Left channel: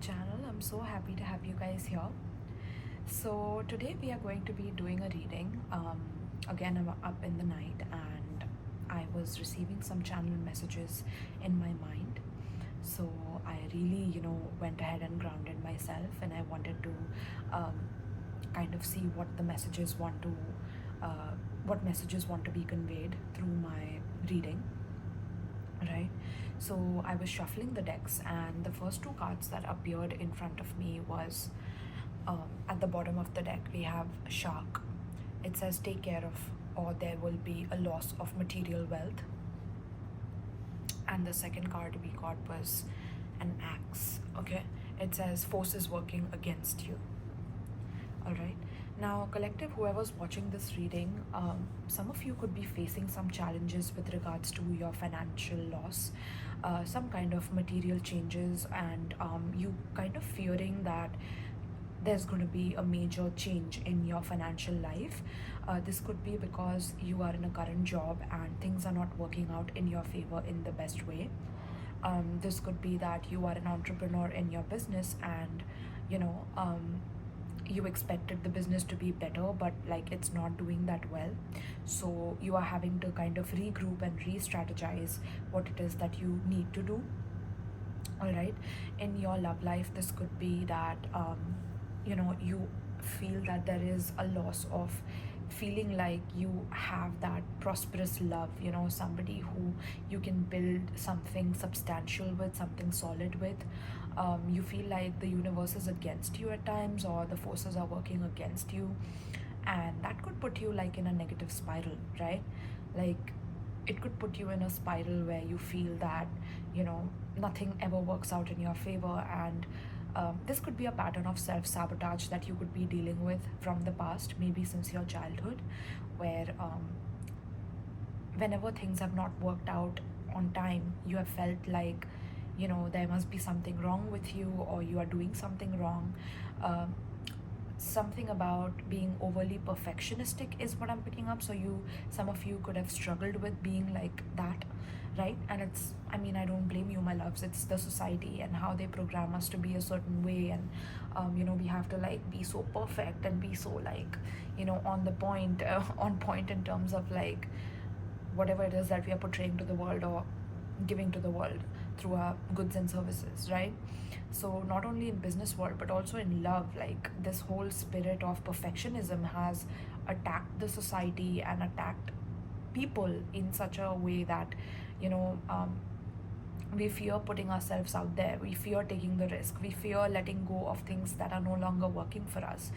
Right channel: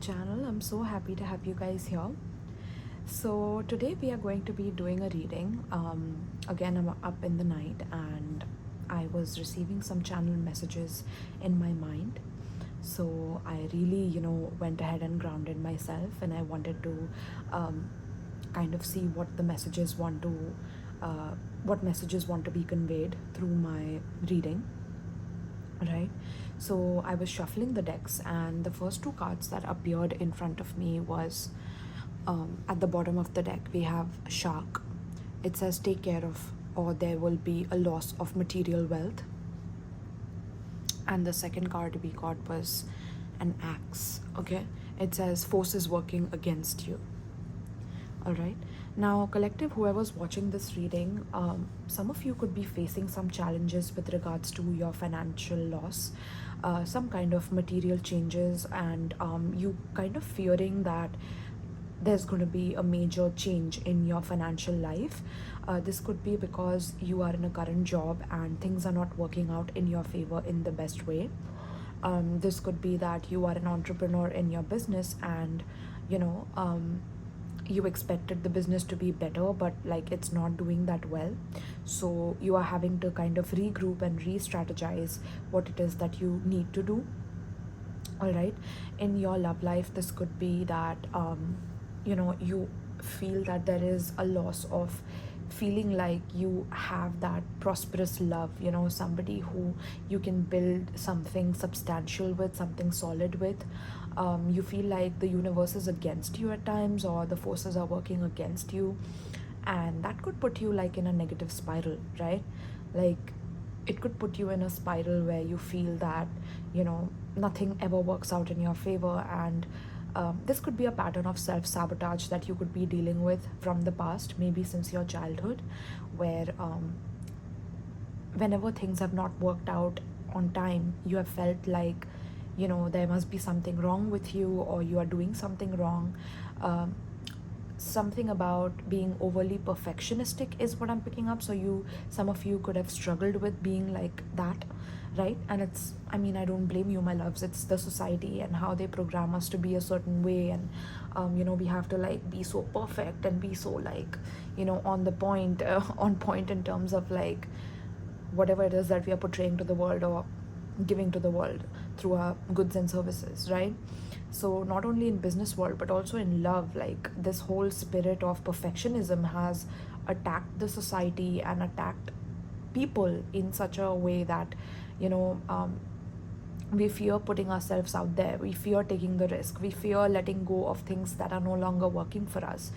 channel. I'm so happy to have you guys here. So today we are going to be doing a reading. Again, I'm up in the night and I was receiving some channel messages in my mind. So I really, went ahead and grounded myself, and I wanted to kind of see what the messages want to, be conveyed through my reading. Right, so I was shuffling the decks, and the first two cards that appeared in front of me was at the bottom of the deck we have shark. It says take care of, or there will be a loss of material wealth. And the second card we got was an axe. Okay, it says forces working against you. All right, now collective, whoever's watching this reading, some of you could be facing some challenges with regards to your financial loss, some kind of material changes, and you kind of fearing that there's going to be a major change in your financial life. This could be because you are in a current job and things are not working out in your favor in the best way. This could be that you are an entrepreneur in your business, and you expected the business to be better, but like it's not doing that well, so you are having to kind of regroup and re-strategize what it is that you need to do. All right, in your love life, this could be that you feel that there is a loss of feeling like you have that prosperous love, somebody who you can build something substantial with, something solid with. You feel like the universe is against you at times, or the forces are working against you, and that could put you like in a negative spiral, right? Like it could put you in a spiral where you feel that nothing ever works out in your favor, and this could be a pattern of self-sabotage that you could be dealing with from the past, maybe since your childhood, where whenever things have not worked out on time, you have felt like there must be something wrong with you, or you are doing something wrong. Something about being overly perfectionistic is what I'm picking up. So some of you could have struggled with being like that, right? And I don't blame you, my loves. It's the society and how they program us to be a certain way, and we have to like be so perfect and be so like on the point, on point in terms of like whatever it is that we are portraying to the world or giving to the world through our goods and services, right? So not only in business world but also in love, like this whole spirit of perfectionism has attacked the society and attacked people in such a way that we fear putting ourselves out there, we fear taking the risk, we fear letting go of things that are no longer working for us.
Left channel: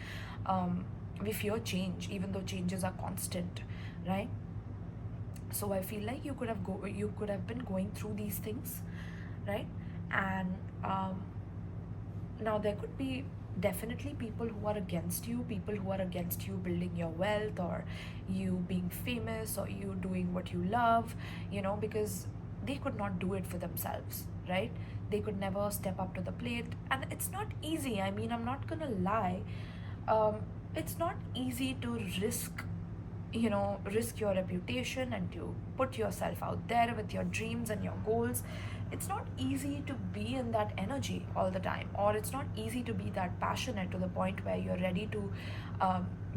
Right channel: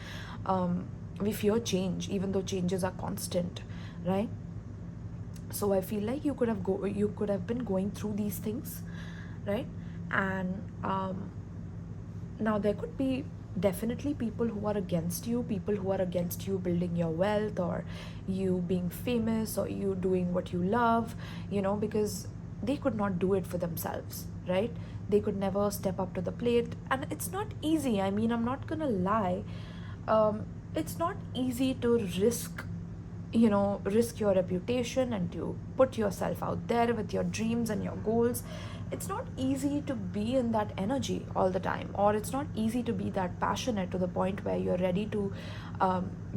We fear change, even though changes are constant, right? So I feel like you could have been going through these things, right? And now there could be definitely people who are against you building your wealth, or you being famous, or you doing what you love, because they could not do it for themselves, right? They could never step up to the plate, and it's not easy. I'm not gonna lie. It's not easy to risk your reputation and to put yourself out there with your dreams and your goals. It's not easy to be in that energy all the time, or it's not easy to be that passionate to the point where you're ready to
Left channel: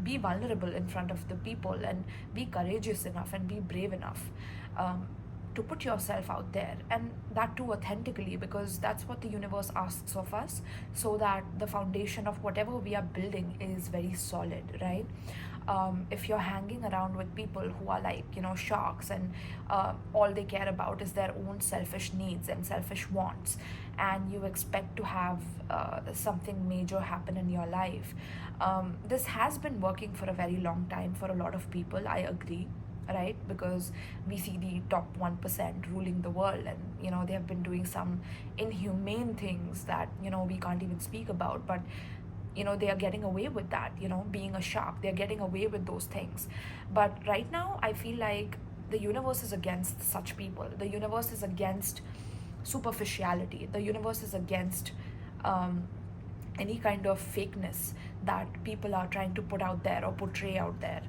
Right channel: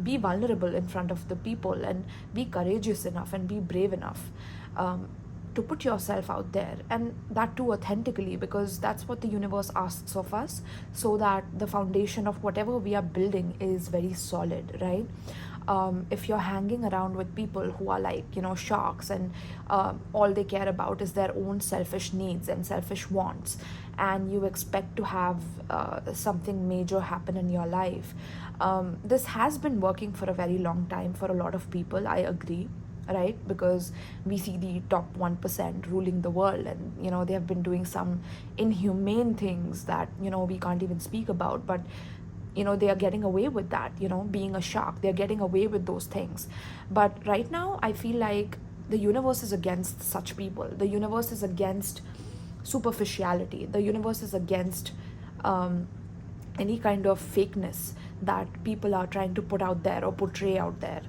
be vulnerable in front of the people, and be courageous enough and be brave enough to put yourself out there, and that too authentically, because that's what the universe asks of us, so that the foundation of whatever we are building is very solid, right? If you're hanging around with people who are like sharks, and all they care about is their own selfish needs and selfish wants, and you expect to have something major happen in your life, this has been working for a very long time for a lot of people, I agree, right? Because we see the top 1% ruling the world, and they have been doing some inhumane things that we can't even speak about, but they are getting away with that, being a shark, they're getting away with those things. But right now I feel like the universe is against such people. The universe is against superficiality. The universe is against any kind of fakeness that people are trying to put out there or portray out there.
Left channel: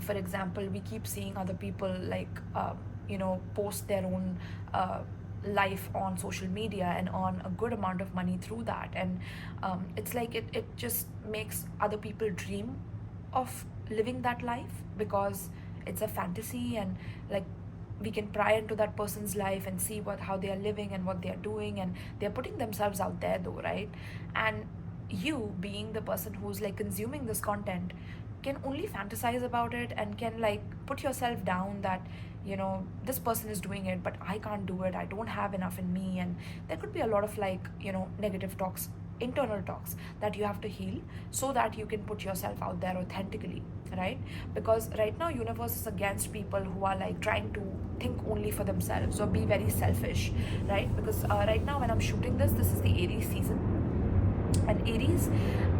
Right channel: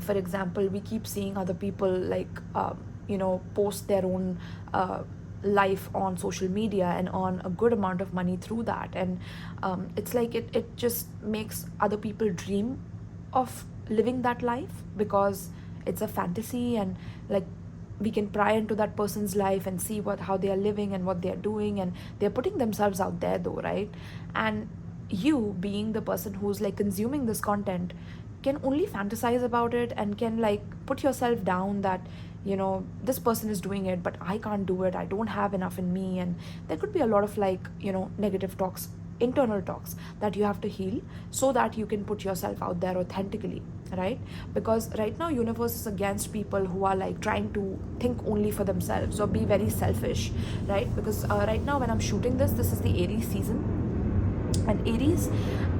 For example, we keep seeing other people like post their own life on social media and earn a good amount of money through that. And it's like it just makes other people dream of living that life because it's a fantasy, and like we can pry into that person's life and see how they are living and what they are doing, and they're putting themselves out there though, right? And you, being the person who's like consuming this content, can only fantasize about it and can like put yourself down that, you know, this person is doing it but I can't do it, I don't have enough in me. And there could be a lot of like, you know, negative talks, internal talks that you have to heal so that you can put yourself out there authentically, right? Because right now universe is against people who are like trying to think only for themselves or be very selfish, right? Because right now when I'm shooting this is the Aries season, and Aries,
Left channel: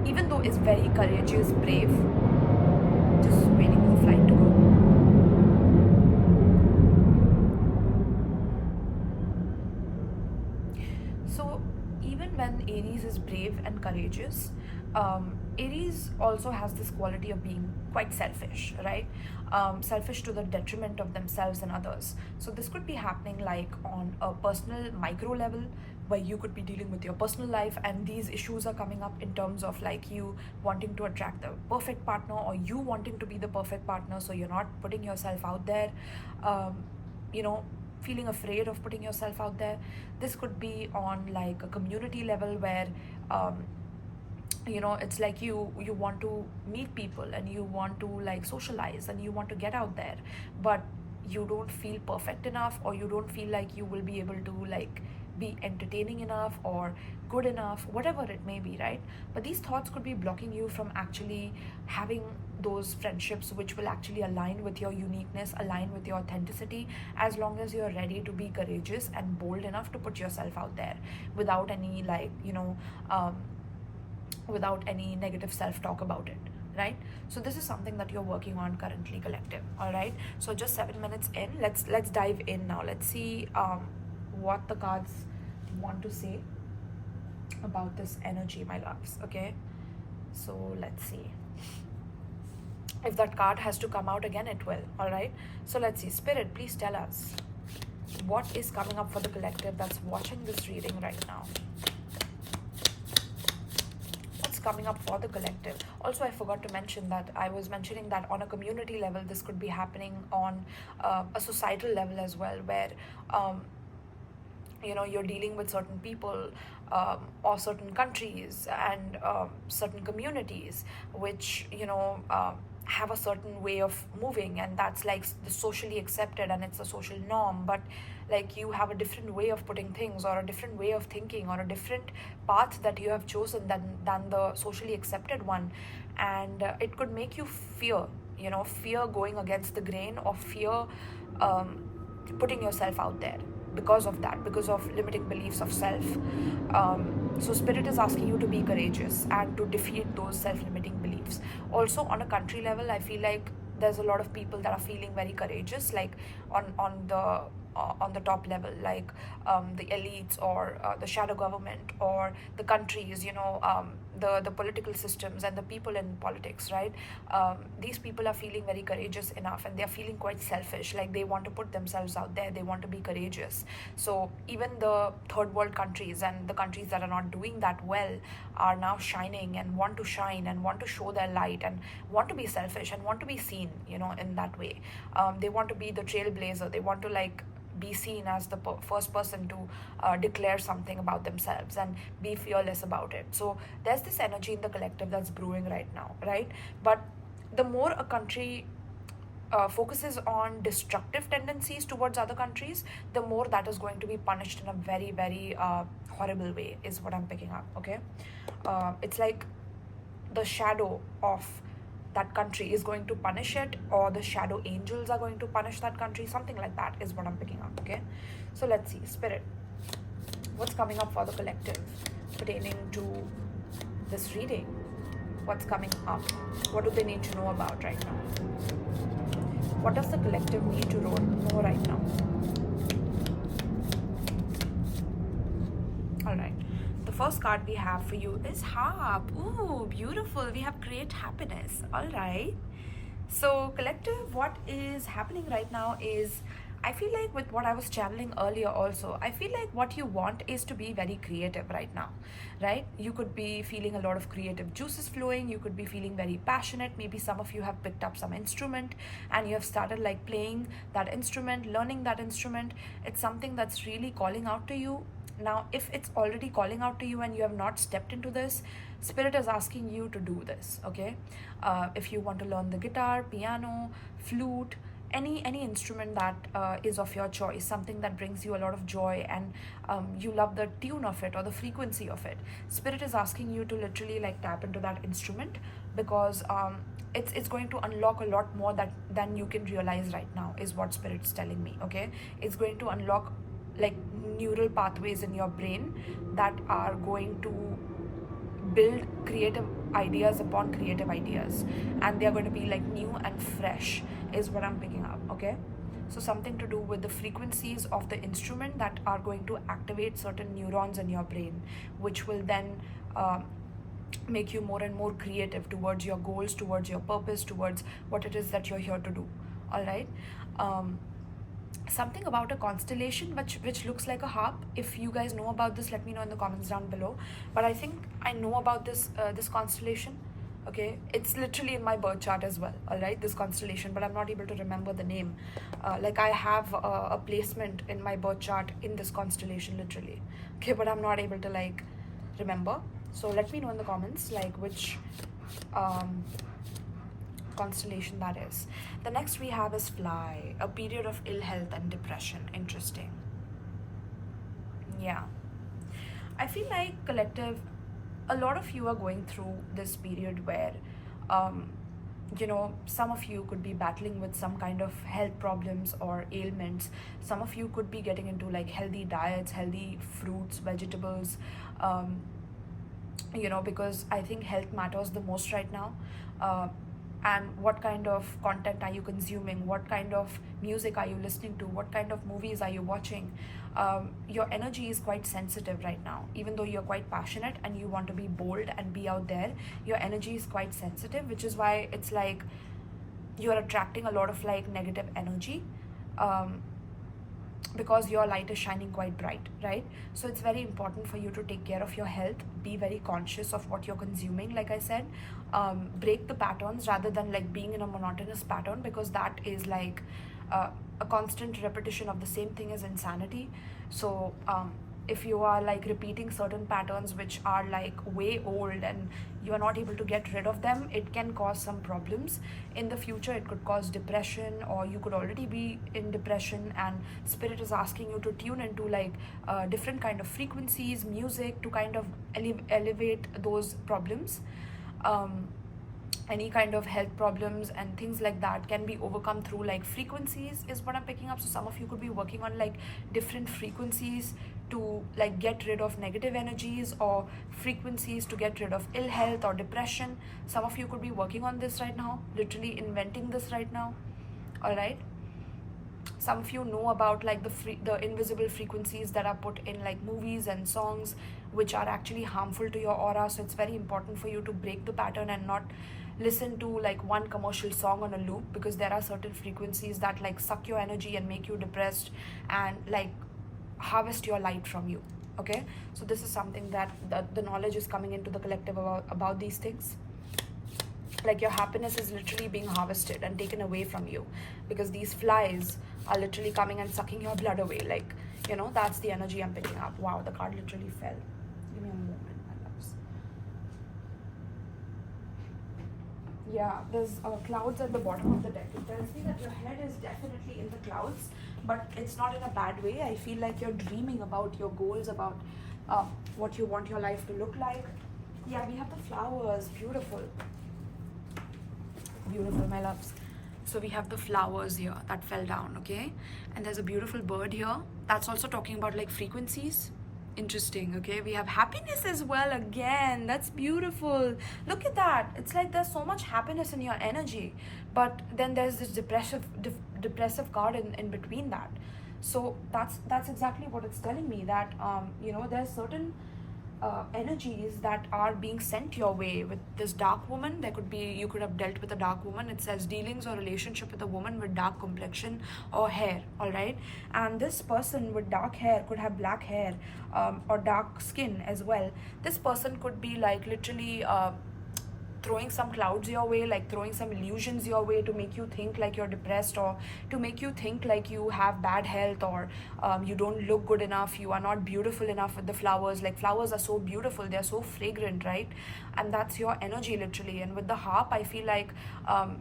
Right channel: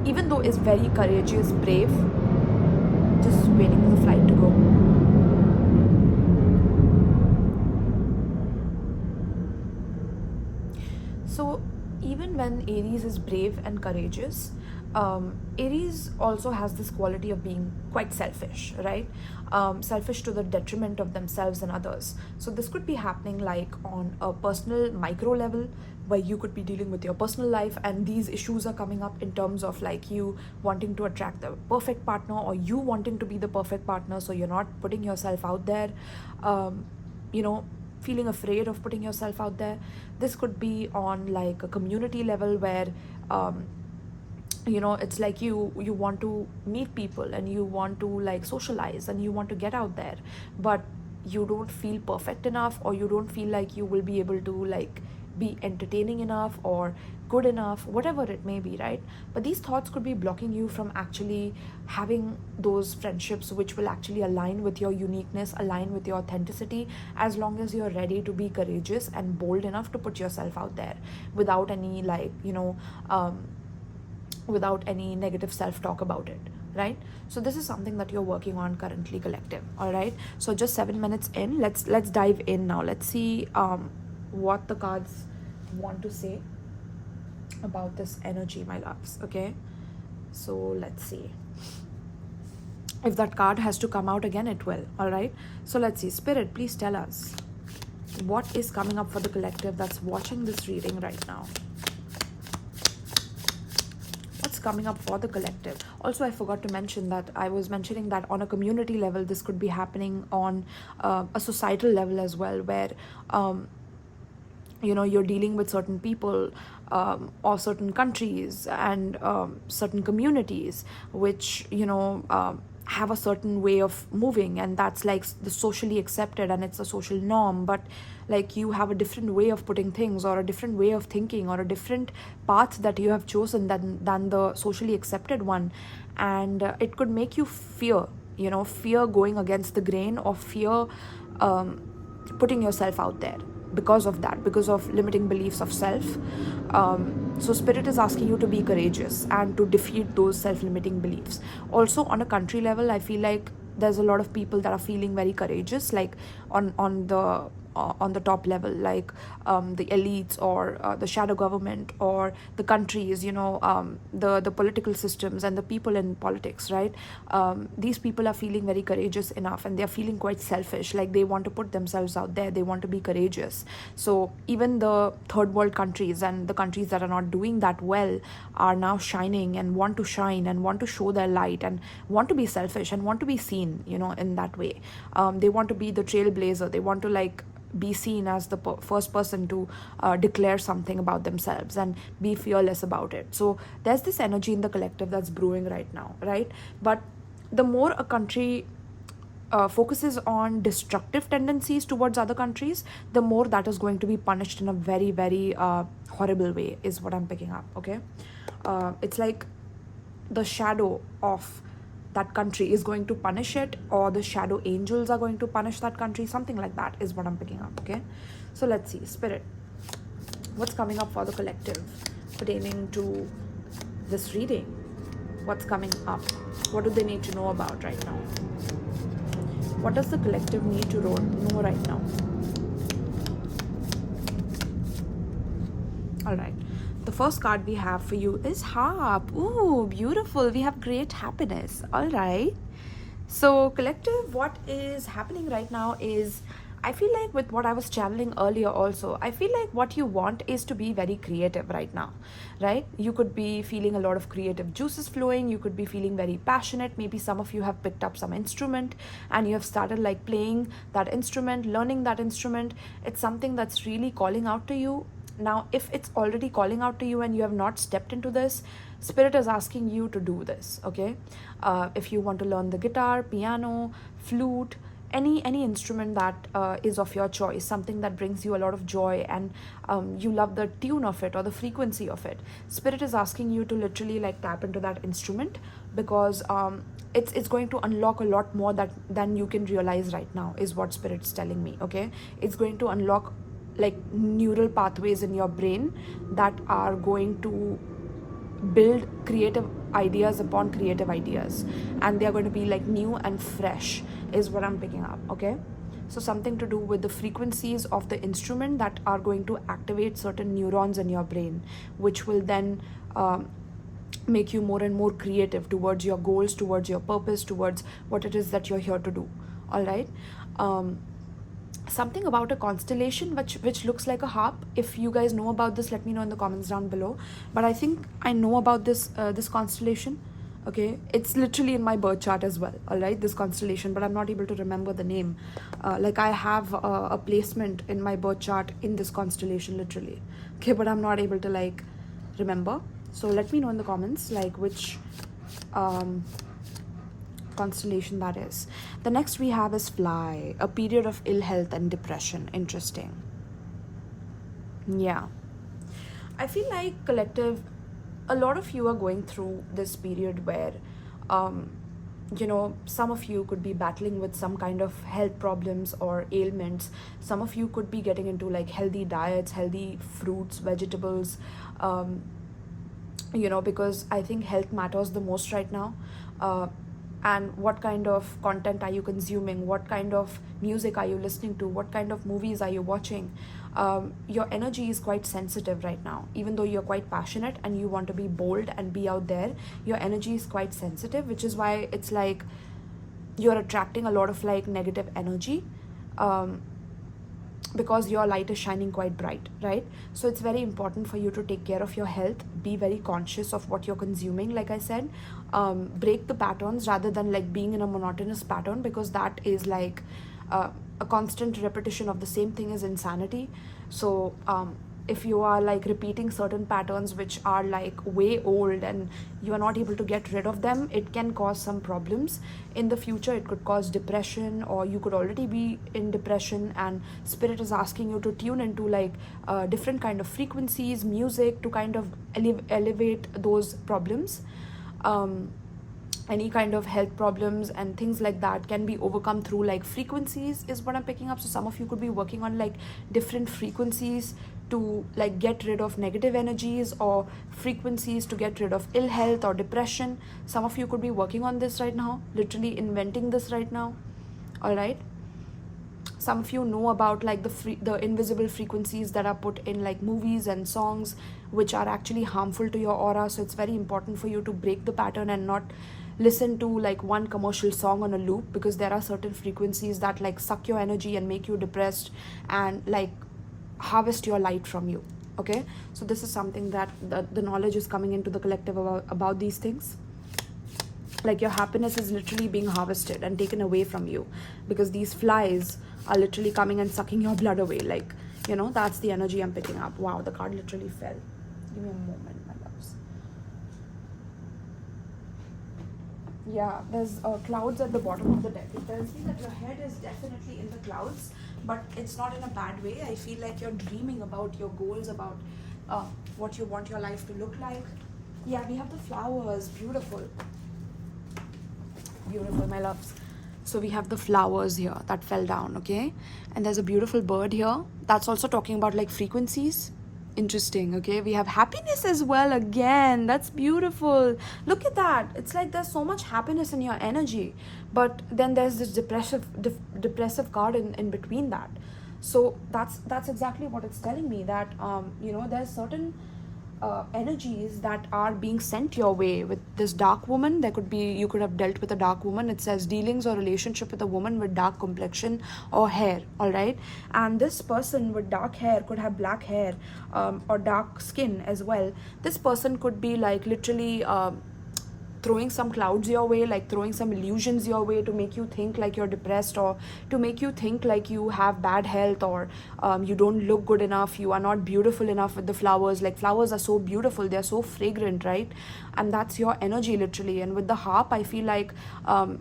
even though is very courageous, brave, just waiting for the flight to go. So even when Aries is brave and courageous, Aries also has this quality of being quite selfish, right? Selfish to the detriment of themselves and others. So this could be happening like on a personal micro level, where you could be dealing with your personal life and these issues are coming up in terms of like you wanting to attract the perfect partner or you wanting to be the perfect partner, so you're not putting yourself out there, you know, feeling afraid of putting yourself out there. This could be on like a community level where you know, it's like you want to meet people and you want to like socialize and you want to get out there, but you don't feel perfect enough, or you don't feel like you will be able to like be entertaining enough or good enough, whatever it may be, right? But these thoughts could be blocking you from actually having those friendships which will actually align with your uniqueness, align with your authenticity, as long as you're ready to be courageous and bold enough to put yourself out there without any like, you know, without any negative self-talk about it, right? So this is something that you're working on currently, collective. All right, so just 7 minutes in, let's dive in now. Let's see what the cards want to say about this energy, my loves. Okay, so let's see. If that card has to come out again, it will. All right, so let's see. Spirit, please tell us what is coming up for the collective that's watching this reading right now. Coming up for the collective. Also, I forgot to mention that I was mentioning that on a community level, this could be happening on a societal level as well, where you know, you're dealing with certain people or certain countries and certain communities which, you know, have a certain way of moving, and that's like the socially accepted and it's a social norm, but like you have a different way of putting things or a different way of thinking or a different path that you have chosen than the socially accepted one, and it could make you fear, you know, fear going against the grain, or fear putting yourself out there because of that, because of limiting beliefs of self. So spirit is asking you to be courageous and to defeat those self-limiting beliefs. Also on a country level, I feel like there's a lot of people that are feeling very courageous, like on the top level, like the elites or the shadow government or the countries, you know, the political systems and the people in politics, right? These people are feeling very courageous enough, and they're feeling quite selfish, like they want to put themselves out there, they want to be courageous. So even the third world countries and the countries that are not doing that well are now shining and want to shine and want to show their light and want to be selfish and want to be seen, you know, in that way. They want to be the trailblazer, they want to like be seen as the first person to declare something about themselves and be fearless about it. So there's this energy in the collective that's brewing right now, right? But the more a country focuses on destructive tendencies towards other countries, the more that is going to be punished in a very, very horrible way, is what I'm picking up. Okay, it's like the shadow of that country is going to punish it, or the shadow angels are going to punish that country, something like that is what I'm picking up. Okay, so let's see, spirit, what's coming up for the collective pertaining to this reading? What's coming up? What do they need to know about right now? What does the collective need to know right now? All right, the first card we have for you is harp. Ooh, beautiful. We have great happiness. All right, so collective, what is happening right now is I feel like with what I was channeling earlier also, I feel like what you want is to be very creative right now, right? You could be feeling a lot of creative juices flowing, you could be feeling very passionate. Maybe some of you have picked up some instrument and you have started like playing that instrument, learning that instrument. It's something that's really calling out to you. Now, if it's already calling out to you and you have not stepped into this, Spirit is asking you to do this, okay? If you want to learn the guitar, piano, flute, any instrument that is of your choice, something that brings you a lot of joy and you love the tune of it or the frequency of it, Spirit is asking you to literally like tap into that instrument, because it's going to unlock a lot more than you can realize right now, is what Spirit's telling me, okay? It's going to unlock like neural pathways in your brain that are going to build creative ideas upon creative ideas, and they're going to be like new and fresh, is what I'm picking up, okay? So something to do with the frequencies of the instrument that are going to activate certain neurons in your brain, which will then make you more and more creative towards your goals, towards your purpose, towards what it is that you're here to do. All right. Something about a constellation which looks like a harp. If you guys know about this, let me know in the comments down below. But I think I know about this this constellation, okay? It's literally in my birth chart as well, all right, this constellation, but I'm not able to remember the name. Like I have a placement in my birth chart in this constellation literally, okay, but I'm not able to like remember. So let me know in the comments like which constellation that is. The next we have is Fly, a period of ill health and depression. Interesting. Yeah, I feel like collective, a lot of you are going through this period where you know, some of you could be battling with some kind of health problems or ailments. Some of you could be getting into like healthy diets, healthy fruits, vegetables, you know, because I think health matters the most right now. And what kind of content are you consuming, what kind of music are you listening to, what kind of movies are you watching. Your energy is quite sensitive right now. Even though you're quite passionate and you want to be bold and be out there, your energy is quite sensitive, which is why it's like you're attracting a lot of like negative energy, because your light is shining quite bright, right? So it's very important for you to take care of your health, be very conscious of what you're consuming, like I said. Break the patterns rather than like being in a monotonous pattern, because that is like a constant repetition of the same thing is insanity. So if you are like repeating certain patterns which are like way old and you are not able to get rid of them, it can cause some problems in the future. It could cause depression, or you could already be in depression, and Spirit is asking you to tune into like different kind of frequencies, music, to kind of elevate those problems. Any kind of health problems and things like that can be overcome through like frequencies, is what I'm picking up. So some of you could be working on like different frequencies to like get rid of negative energies, or frequencies to get rid of ill health or depression. Some of you could be working on this right now, literally inventing this right now. All right. Some of you know about like the invisible frequencies that are put in like movies and songs, which are actually harmful to your aura. So it's very important for you to break the pattern and not listen to like one commercial song on a loop, because there are certain frequencies that like suck your energy and make you depressed and like harvest your light from you, okay? So this is something that the knowledge is coming into the collective about these things. Like your happiness is literally being harvested and taken away from you, because these flies are literally coming and sucking your blood away. Like, you know, that's the energy I'm picking up. Wow, the card literally fell. Give me a moment, my loves. Yeah, there's clouds at the bottom of the deck. It tells me that your head is definitely in the clouds, but it's not in a bad way. I feel like you're dreaming about your goals, about what you want your life to look like. Yeah, we have the flowers. Beautiful. Beautiful, my loves. So we have the flowers here that fell down, okay? And there's a beautiful bird here. That's also talking about like frequencies. Interesting, okay? We have happiness as well again. That's beautiful. Look at that. It's like there's so much happiness in your energy, but then there's this depressive card in between that. So that's exactly what it's telling me, that you know, there's certain energies that are being sent your way. With this dark woman, there could be, you could have dealt with a dark woman. It says dealings or relationship with a woman with dark complexion or hair, all right? And this person with dark hair could have black hair, or dark skin as well. This person could be like literally throwing some clouds your way, like throwing some illusions your way to make you think like you're depressed, or to make you think like you have bad health, or you don't look good enough, you are not beautiful enough with the flowers. Like flowers are so beautiful, they're so fragrant, right? And that's your energy literally. And with the harp, I feel like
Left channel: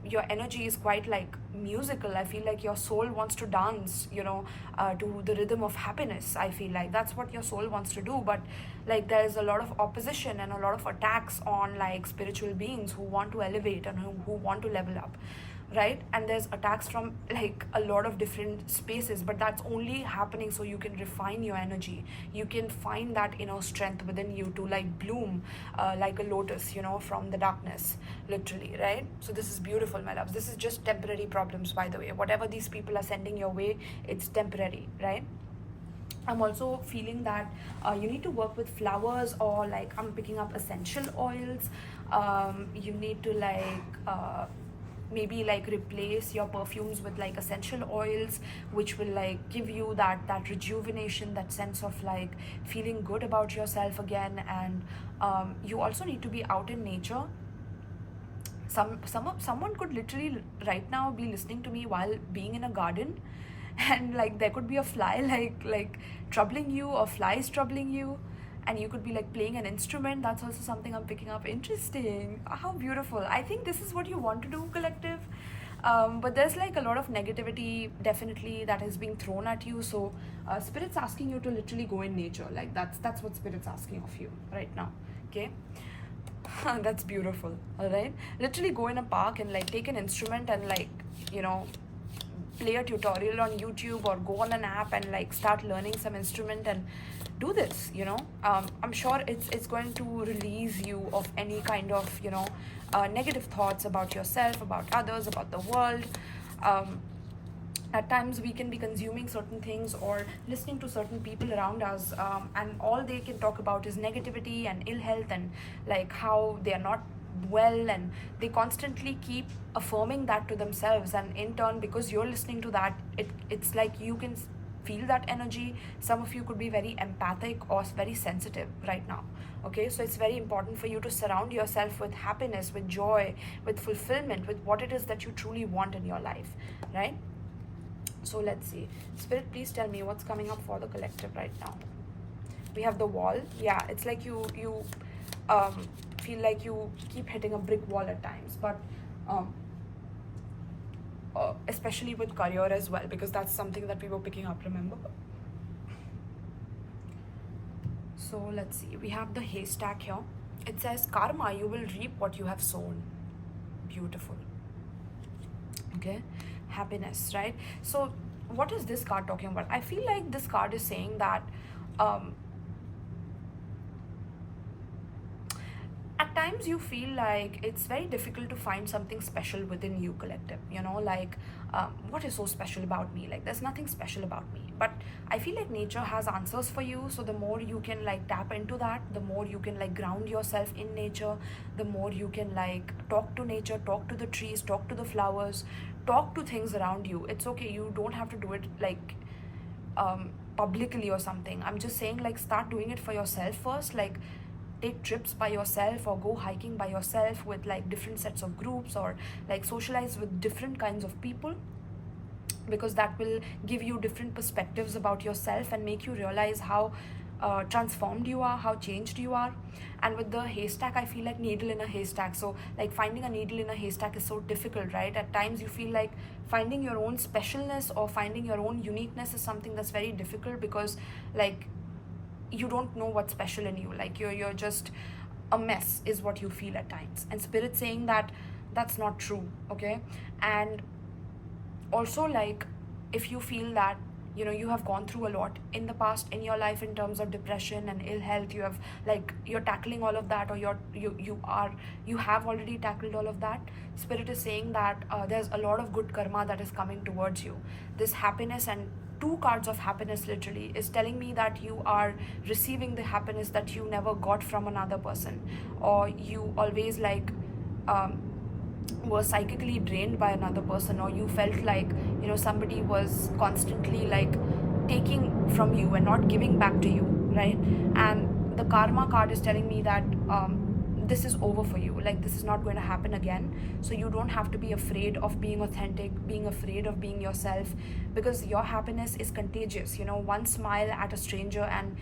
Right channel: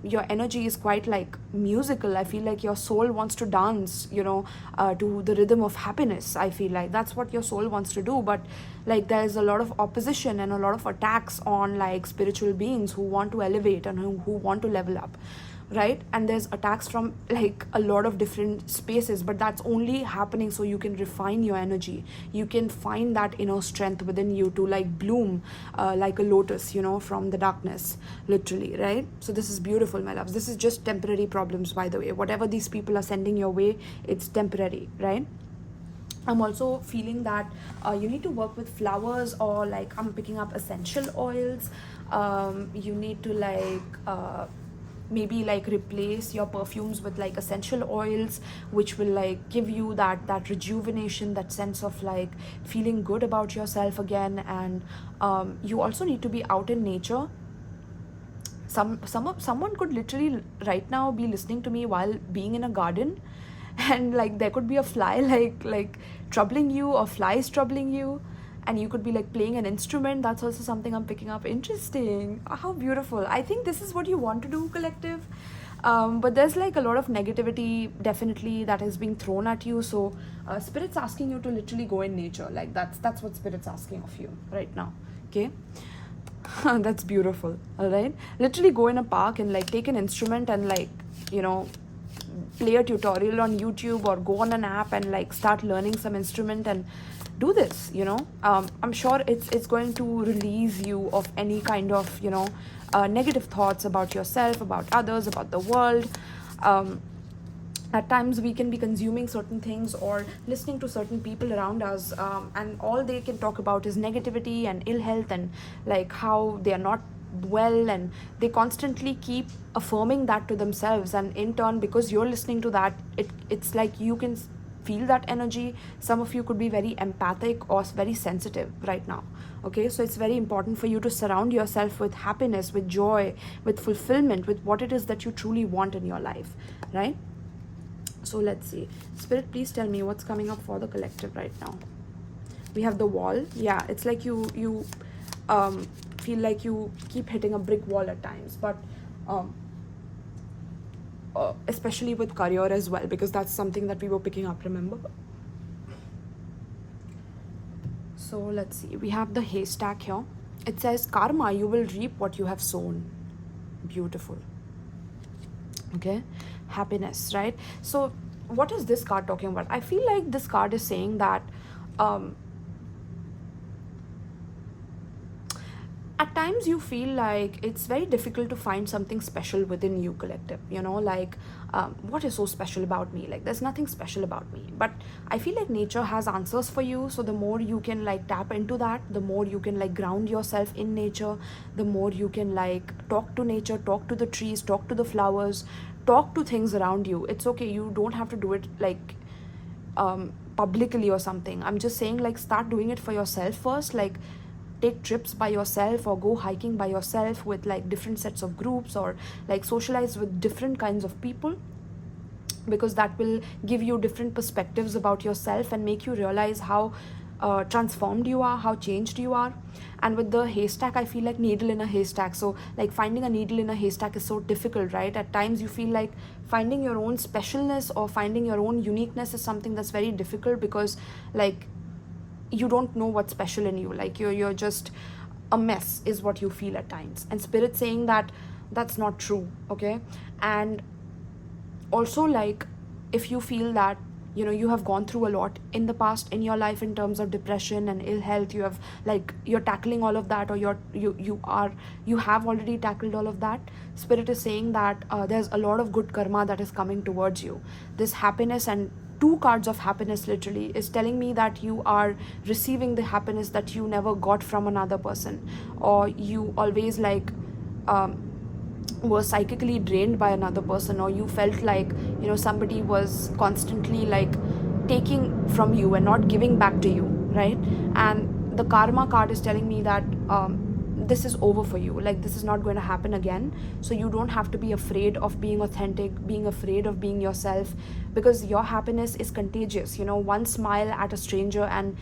your energy is quite like musical. I feel like your soul wants to dance, you know, to the rhythm of happiness. I feel like that's what your soul wants to do. But like there's a lot of opposition and a lot of attacks on like spiritual beings who want to elevate and who want to level up, right? And there's attacks from like a lot of different spaces, but that's only happening so you can refine your energy. You can find that inner strength within you to like bloom like a lotus, you know, from the darkness, literally, right? So this is beautiful, my loves. This is just temporary problems, by the way. Whatever these people are sending your way, it's temporary, right? I'm also feeling that you need to work with flowers, or like I'm picking up essential oils. You need to like maybe like replace your perfumes with like essential oils, which will like give you that rejuvenation, that sense of like feeling good about yourself again. And you also need to be out in nature. Someone could literally right now be listening to me while being in a garden, and like there could be a fly like troubling you, or flies troubling you, and you could be like playing an instrument. That's also something I'm picking up. Interesting. How beautiful. I think this is what you want to do, collective. But there's like a lot of negativity definitely that is being thrown at you. So spirit's asking you to literally go in nature. Like that's what spirit's asking of you right now. Okay. That's beautiful. All right, literally go in a park and like take an instrument and like, you know, play a tutorial on YouTube, or go on an app and like start learning some instrument and do this, you know. I'm sure it's going to release you of any kind of, you know, negative thoughts about yourself, about others, about the world. At times we can be consuming certain things or listening to certain people around us, and all they can talk about is negativity and ill health, and like how they are not well, and they constantly keep affirming that to themselves. And in turn, because you're listening to that, it's like you can feel that energy. Some of you could be very empathic or very sensitive right now. Okay, so it's very important for you to surround yourself with happiness, with joy, with fulfillment, with what it is that you truly want in your life, right? So let's see, spirit, please tell me what's coming up for the collective right now. We have the wall. Yeah, it's like you feel like you keep hitting a brick wall at times, but especially with career as well, because that's something that we were picking up, remember? So let's see, we have the haystack here. It says karma, you will reap what you have sown. Beautiful. Okay, happiness, right? So what is this card talking about? I feel like this card is saying that at times you feel like it's very difficult to find something special within you, collective, you know, like what is so special about me? Like there's nothing special about me. But I feel like nature has answers for you. So the more you can like tap into that, the more you can like ground yourself in nature, the more you can like talk to nature, talk to the trees, talk to the flowers, talk to things around you. It's okay, you don't have to do it like publicly or something. I'm just saying, like, start doing it for yourself first. Like, take trips by yourself, or go hiking by yourself with like different sets of groups, or like socialize with different kinds of people, because that will give you different perspectives about yourself and make you realize how transformed you are, how changed you are. And with the haystack, I feel like needle in a haystack. So like finding a needle in a haystack is so difficult, right? At times you feel like finding your own specialness or finding your own uniqueness is something that's very difficult, because like you don't know what's special in you. Like you're just a mess is what you feel at times. And spirit saying that that's not true. Okay. And also, like, if you feel that you have gone through a lot in the past in your life in terms of depression and ill health. You have, like, you're tackling all of that, or you have already tackled all of that. Spirit is saying that there's a lot of good karma that is coming towards you. This happiness, and 2 cards of happiness literally, is telling me that you are receiving the happiness that you never got from another person, or you always, like, were psychically drained by another person, or you felt like somebody was constantly, like, taking from you and not giving back to you, right? And the karma card is telling me that this is over for you. Like, this is not going to happen again. So you don't have to be afraid of being authentic, being afraid of being yourself, because your happiness is contagious. One smile at a stranger, and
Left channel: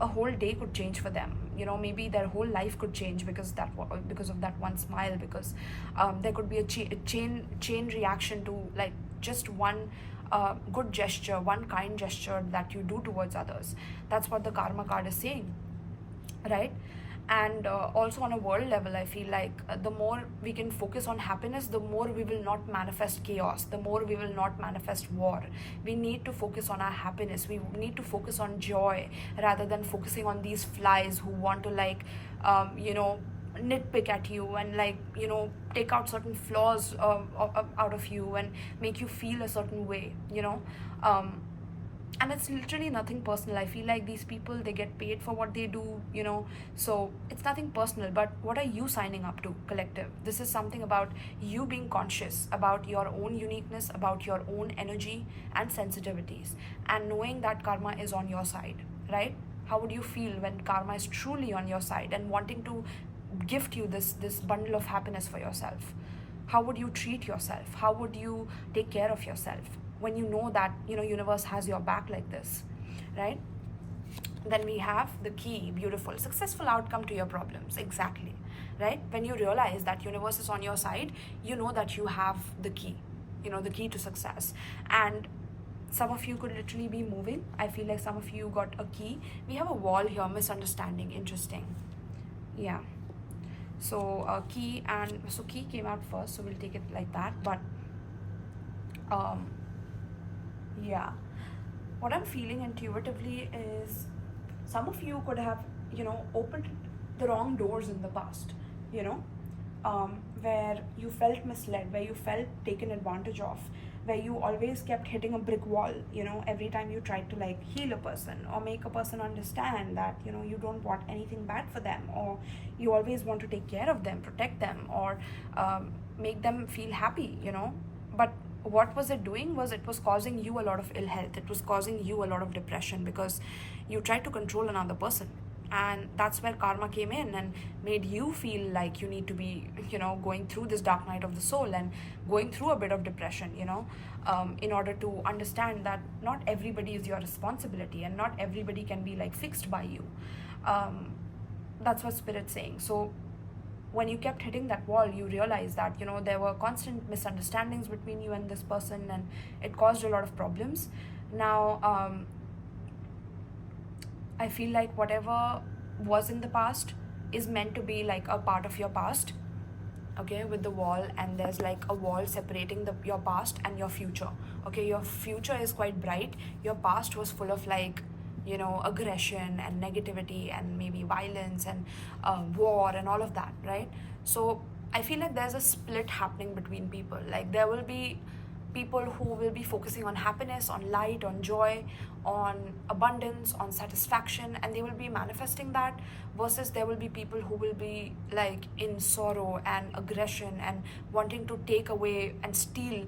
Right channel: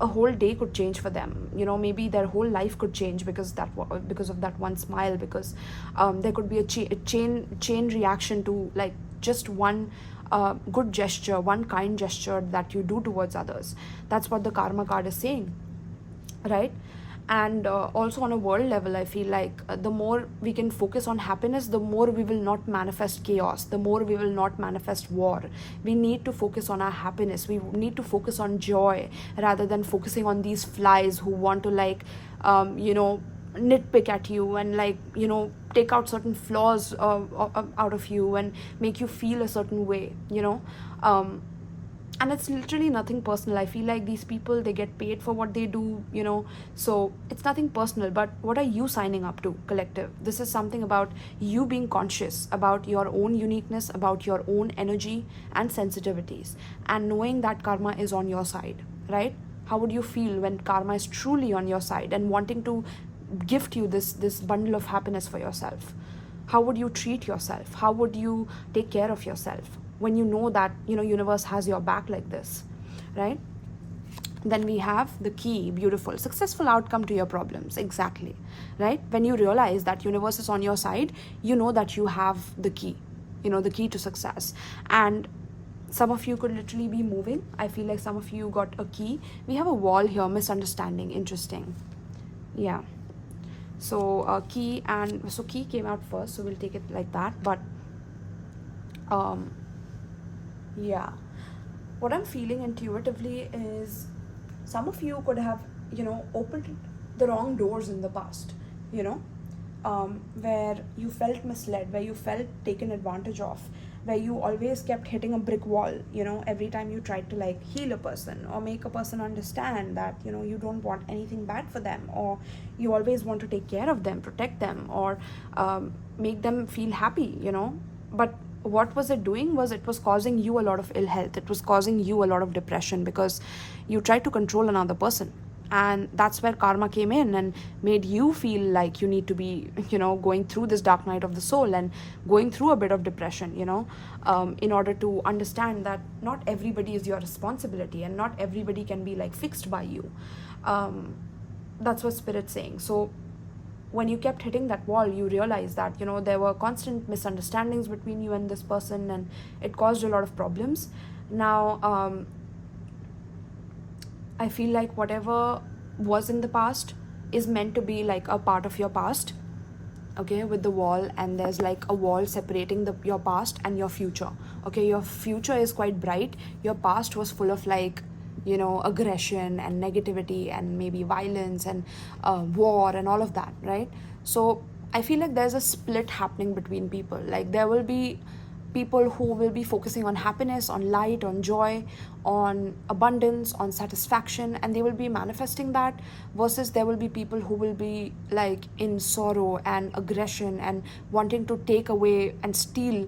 a whole day could change for them. Maybe their whole life could change because of that one smile, because there could be a chain reaction to, like, just one good gesture, one kind gesture that you do towards others. That's what the karma card is saying, right? And also on a world level, I feel like the more we can focus on happiness, the more we will not manifest chaos, the more we will not manifest war. We need to focus on our happiness. We need to focus on joy rather than focusing on these flies who want to, like, nitpick at you and, like, take out certain flaws out of you and make you feel a certain way. And it's literally nothing personal. I feel like these people, they get paid for what they do, so it's nothing personal. But what are you signing up to, collective? This is something about you being conscious about your own uniqueness, about your own energy and sensitivities, and knowing that karma is on your side, right? How would you feel when karma is truly on your side and wanting to gift you this bundle of happiness for yourself? How would you treat yourself? How would you take care of yourself when you know that universe has your back like this, right? Then we have the key. Beautiful. Successful outcome to your problems. Exactly, right? When you realize that universe is on your side, you know that you have the key, the key to success. And some of you could literally be moving. I feel like some of you got a key. We have a wall here, misunderstanding. Interesting. Yeah. So key, and so key came out first, so we'll take it like that. But yeah, what I'm feeling intuitively is some of you could have opened the wrong doors in the past, where you felt misled, where you felt taken advantage of, where you always kept hitting a brick wall, every time you tried to, like, heal a person or make a person understand that you don't want anything bad for them, or you always want to take care of them, protect them, or make them feel happy, but what was it doing? It was causing you a lot of ill health. It was causing you a lot of depression because you tried to control another person. And that's where karma came in and made you feel like you need to be, going through this dark night of the soul and going through a bit of depression, in order to understand that not everybody is your responsibility and not everybody can be, like, fixed by you. That's what Spirit's saying. So when you kept hitting that wall, you realized that, there were constant misunderstandings between you and this person, and it caused a lot of problems. Now, I feel like whatever was in the past is meant to be, like, a part of your past, okay, with the wall, and there's, like, a wall separating your past and your future, okay? Your future is quite bright. Your past was full of, like, aggression and negativity and maybe violence and war and all of that, right? So I feel like there's a split happening between people. Like, there will be people who will be focusing on happiness, on light, on joy, on abundance, on satisfaction, and they will be manifesting that, versus there will be people who will be, like, in sorrow and aggression and wanting to take away and steal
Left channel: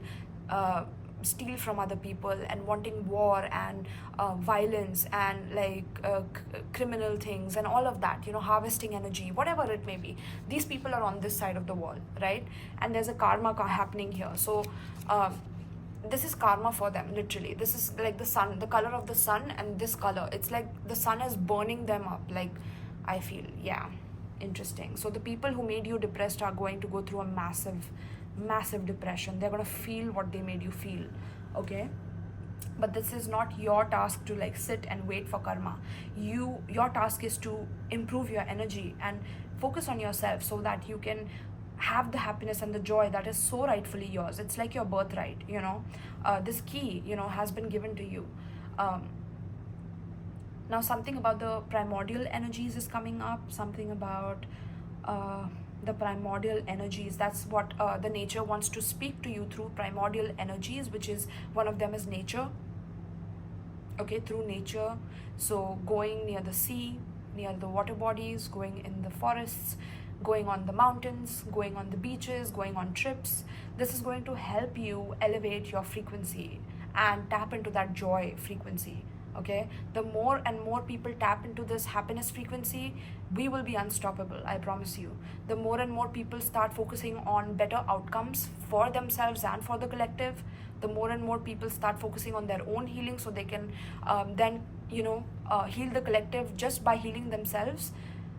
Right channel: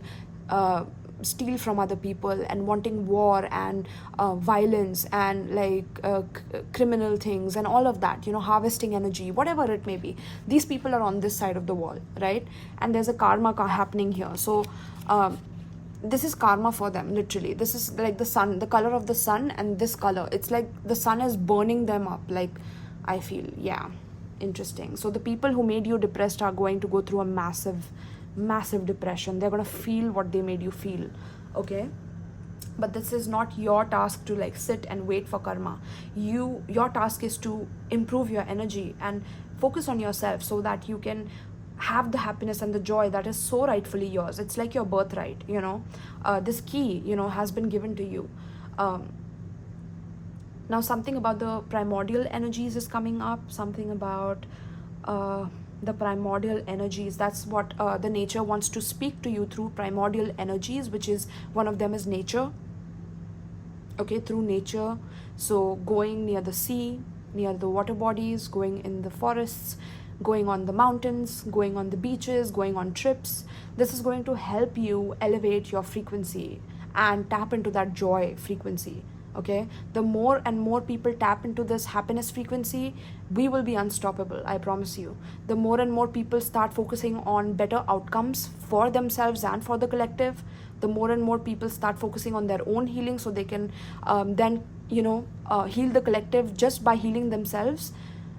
from other people and wanting war and violence and, like, criminal things and all of that, harvesting energy, whatever it may be. These people are on this side of the wall, right? And there's a karma happening here. So this is karma for them, literally. This is like the sun, the color of the sun, and this color, it's like the sun is burning them up, like, I feel. Yeah, interesting. So the people who made you depressed are going to go through a massive depression. They're going to feel what they made you feel, okay? But this is not your task to, like, sit and wait for karma. Your task is to improve your energy and focus on yourself so that you can have the happiness and the joy that is so rightfully yours. It's like your birthright, you know. This key, you know, has been given to you. Now something about the primordial energies is coming up, something about the primordial energies. That's what the nature wants to speak to you through primordial energies, which is, one of them is nature. Okay, through nature. So going near the sea, near the water bodies, going in the forests, going on the mountains, going on the beaches, going on trips. This is going to help you elevate your frequency and tap into that joy frequency. Okay, the more and more people tap into this happiness frequency, we will be unstoppable, I promise you. The more and more people start focusing on better outcomes for themselves and for the collective, the more and more people start focusing on their own healing, so they can then, you know, heal the collective just by healing themselves.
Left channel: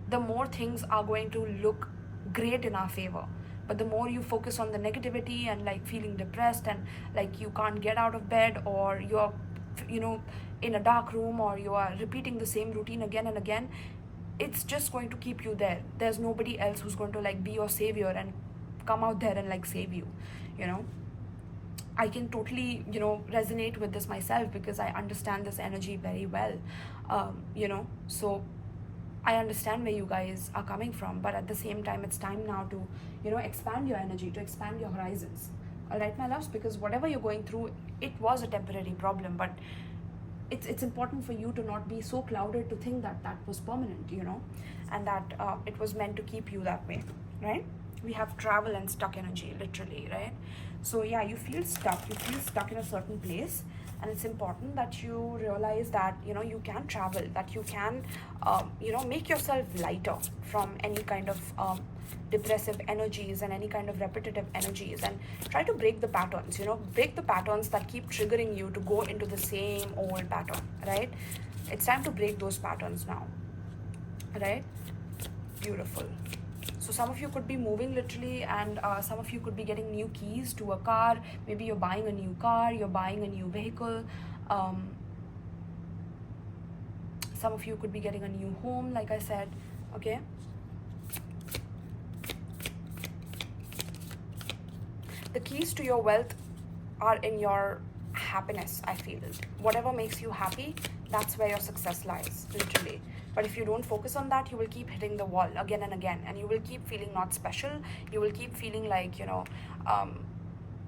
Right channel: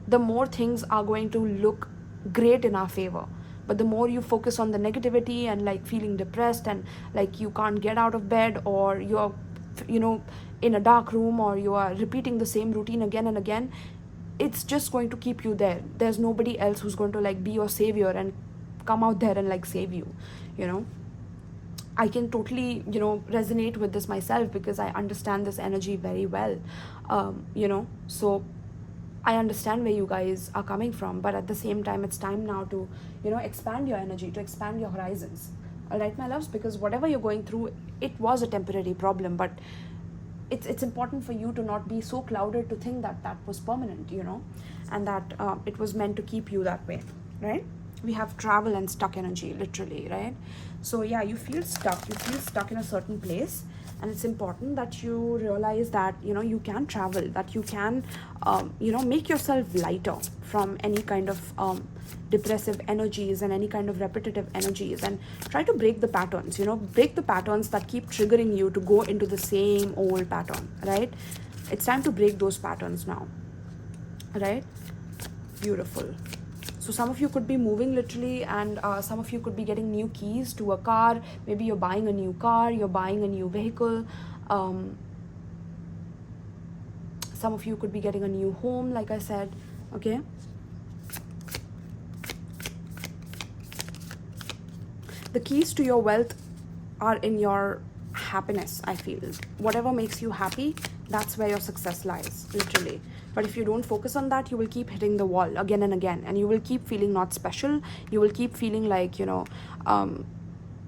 The more things are going to look great in our favor. But the more you focus on the negativity and like feeling depressed and like you can't get out of bed, or you're, you know, in a dark room, or you are repeating the same routine again and again, it's just going to keep you there. There's nobody else who's going to like be your savior and come out there and like save you, you know. I can totally, you know, resonate with this myself, because I understand this energy very well, you know. So I understand where you guys are coming from, but at the same time, it's time now to, you know, expand your energy, to expand your horizons. All right, my loves, because whatever you're going through, it was a temporary problem, but it's important for you to not be so clouded to think that that was permanent, you know, and that it was meant to keep you that way, right? We have travel and stuck energy, literally, right? So yeah, you feel stuck in a certain place, and it's important that you realize that, you know, you can travel, that you can you know, make yourself lighter from any kind of depressive energies and any kind of repetitive energies, and try to break the patterns, you know, break the patterns that keep triggering you to go into the same old pattern, right? It's time to break those patterns now, right? Beautiful. So some of you could be moving literally, and some of you could be getting new keys to a car. Maybe you're buying a new car, you're buying a new vehicle. Some of you could be getting a new home, like I said, okay? The keys to your wealth are in your happiness, I feel. Whatever makes you happy, that's where your success lies, literally. But if you don't focus on that, you will keep hitting the wall again and again, and you will keep feeling not special. You will keep feeling like, you know,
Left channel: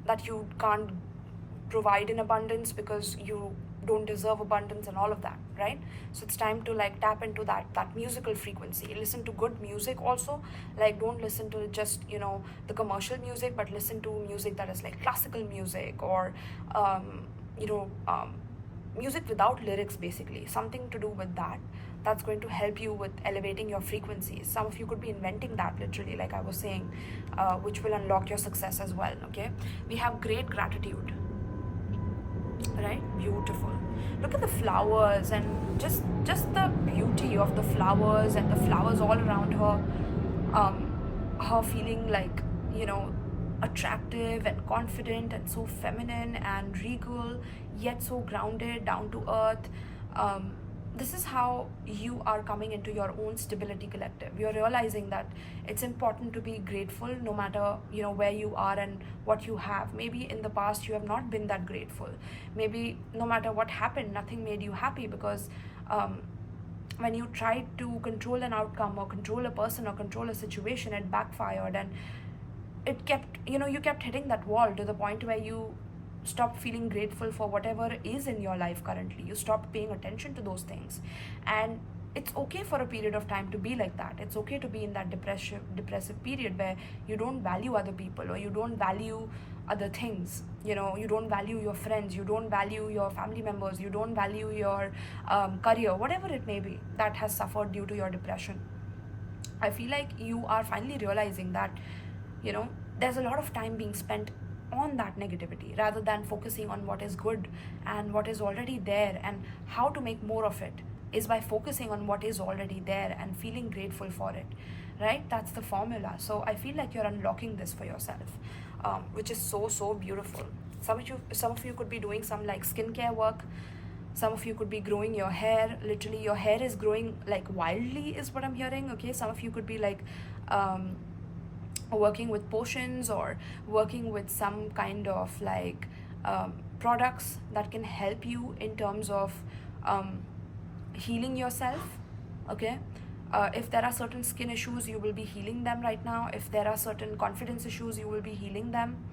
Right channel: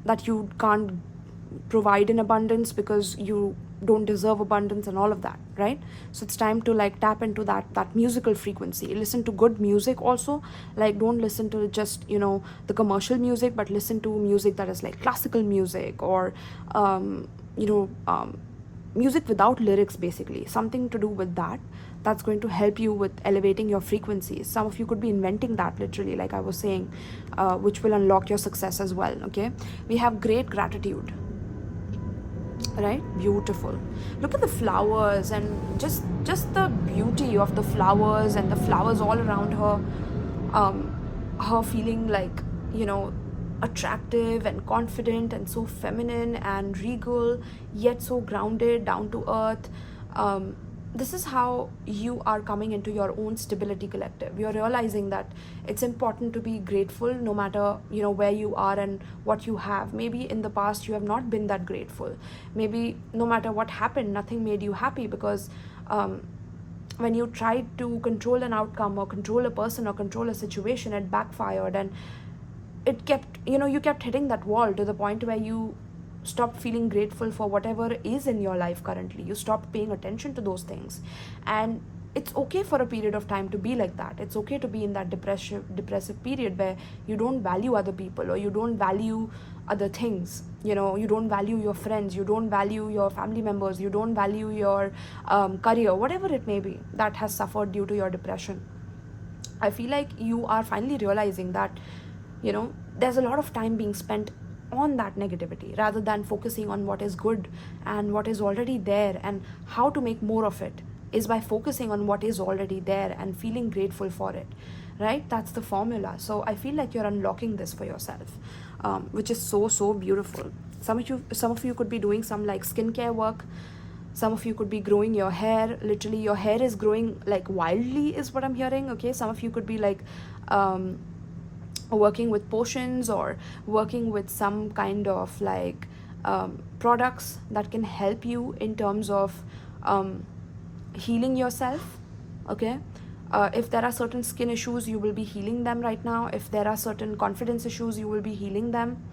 that you can't provide in abundance because you don't deserve abundance and all of that, right? So it's time to like tap into that musical frequency. Listen to good music also. Like, don't listen to just, you know, the commercial music, but listen to music that is like classical music, or you know, music without lyrics, basically, something to do with that. That's going to help you with elevating your frequencies. Some of you could be inventing that, literally, like I was saying, which will unlock your success as well, okay? We have great gratitude, right? Beautiful. Look at the flowers, and just the beauty of the flowers, and the flowers all around her. Her feeling like, you know, attractive and confident and so feminine and regal, yet so grounded, down to earth. This is how you are coming into your own stability collective. You're realizing that it's important to be grateful no matter, you know, where you are and what you have. Maybe in the past you have not been that grateful. Maybe no matter what happened, nothing made you happy, because when you tried to control an outcome or control a person or control a situation, it backfired, and it kept, you know, you kept hitting that wall to the point where you stopped feeling grateful for whatever is in your life currently. You stopped paying attention to those things, and it's okay for a period of time to be like that. It's okay to be in that depressive period where you don't value other people, or you don't value other things. You know, you don't value your friends, you don't value your family members, you don't value your career, whatever it may be that has suffered due to your depression. I feel like you are finally realizing that, you know, there's a lot of time being spent on that negativity rather than focusing on what is good and what is already there, and how to make more of it is by focusing on what is already there and feeling grateful for it, right? That's the formula. So I feel like you're unlocking this for yourself, which is so beautiful. Some of you could be doing some like skincare work. Some of you could be growing your hair. Literally, your hair is growing like wildly is what I'm hearing, okay? Some of you could be like working with potions or working with some kind of like products that can help you in terms of healing yourself. Okay, if there are certain skin issues, you will be healing them right now. If there are certain confidence issues, you will be healing them.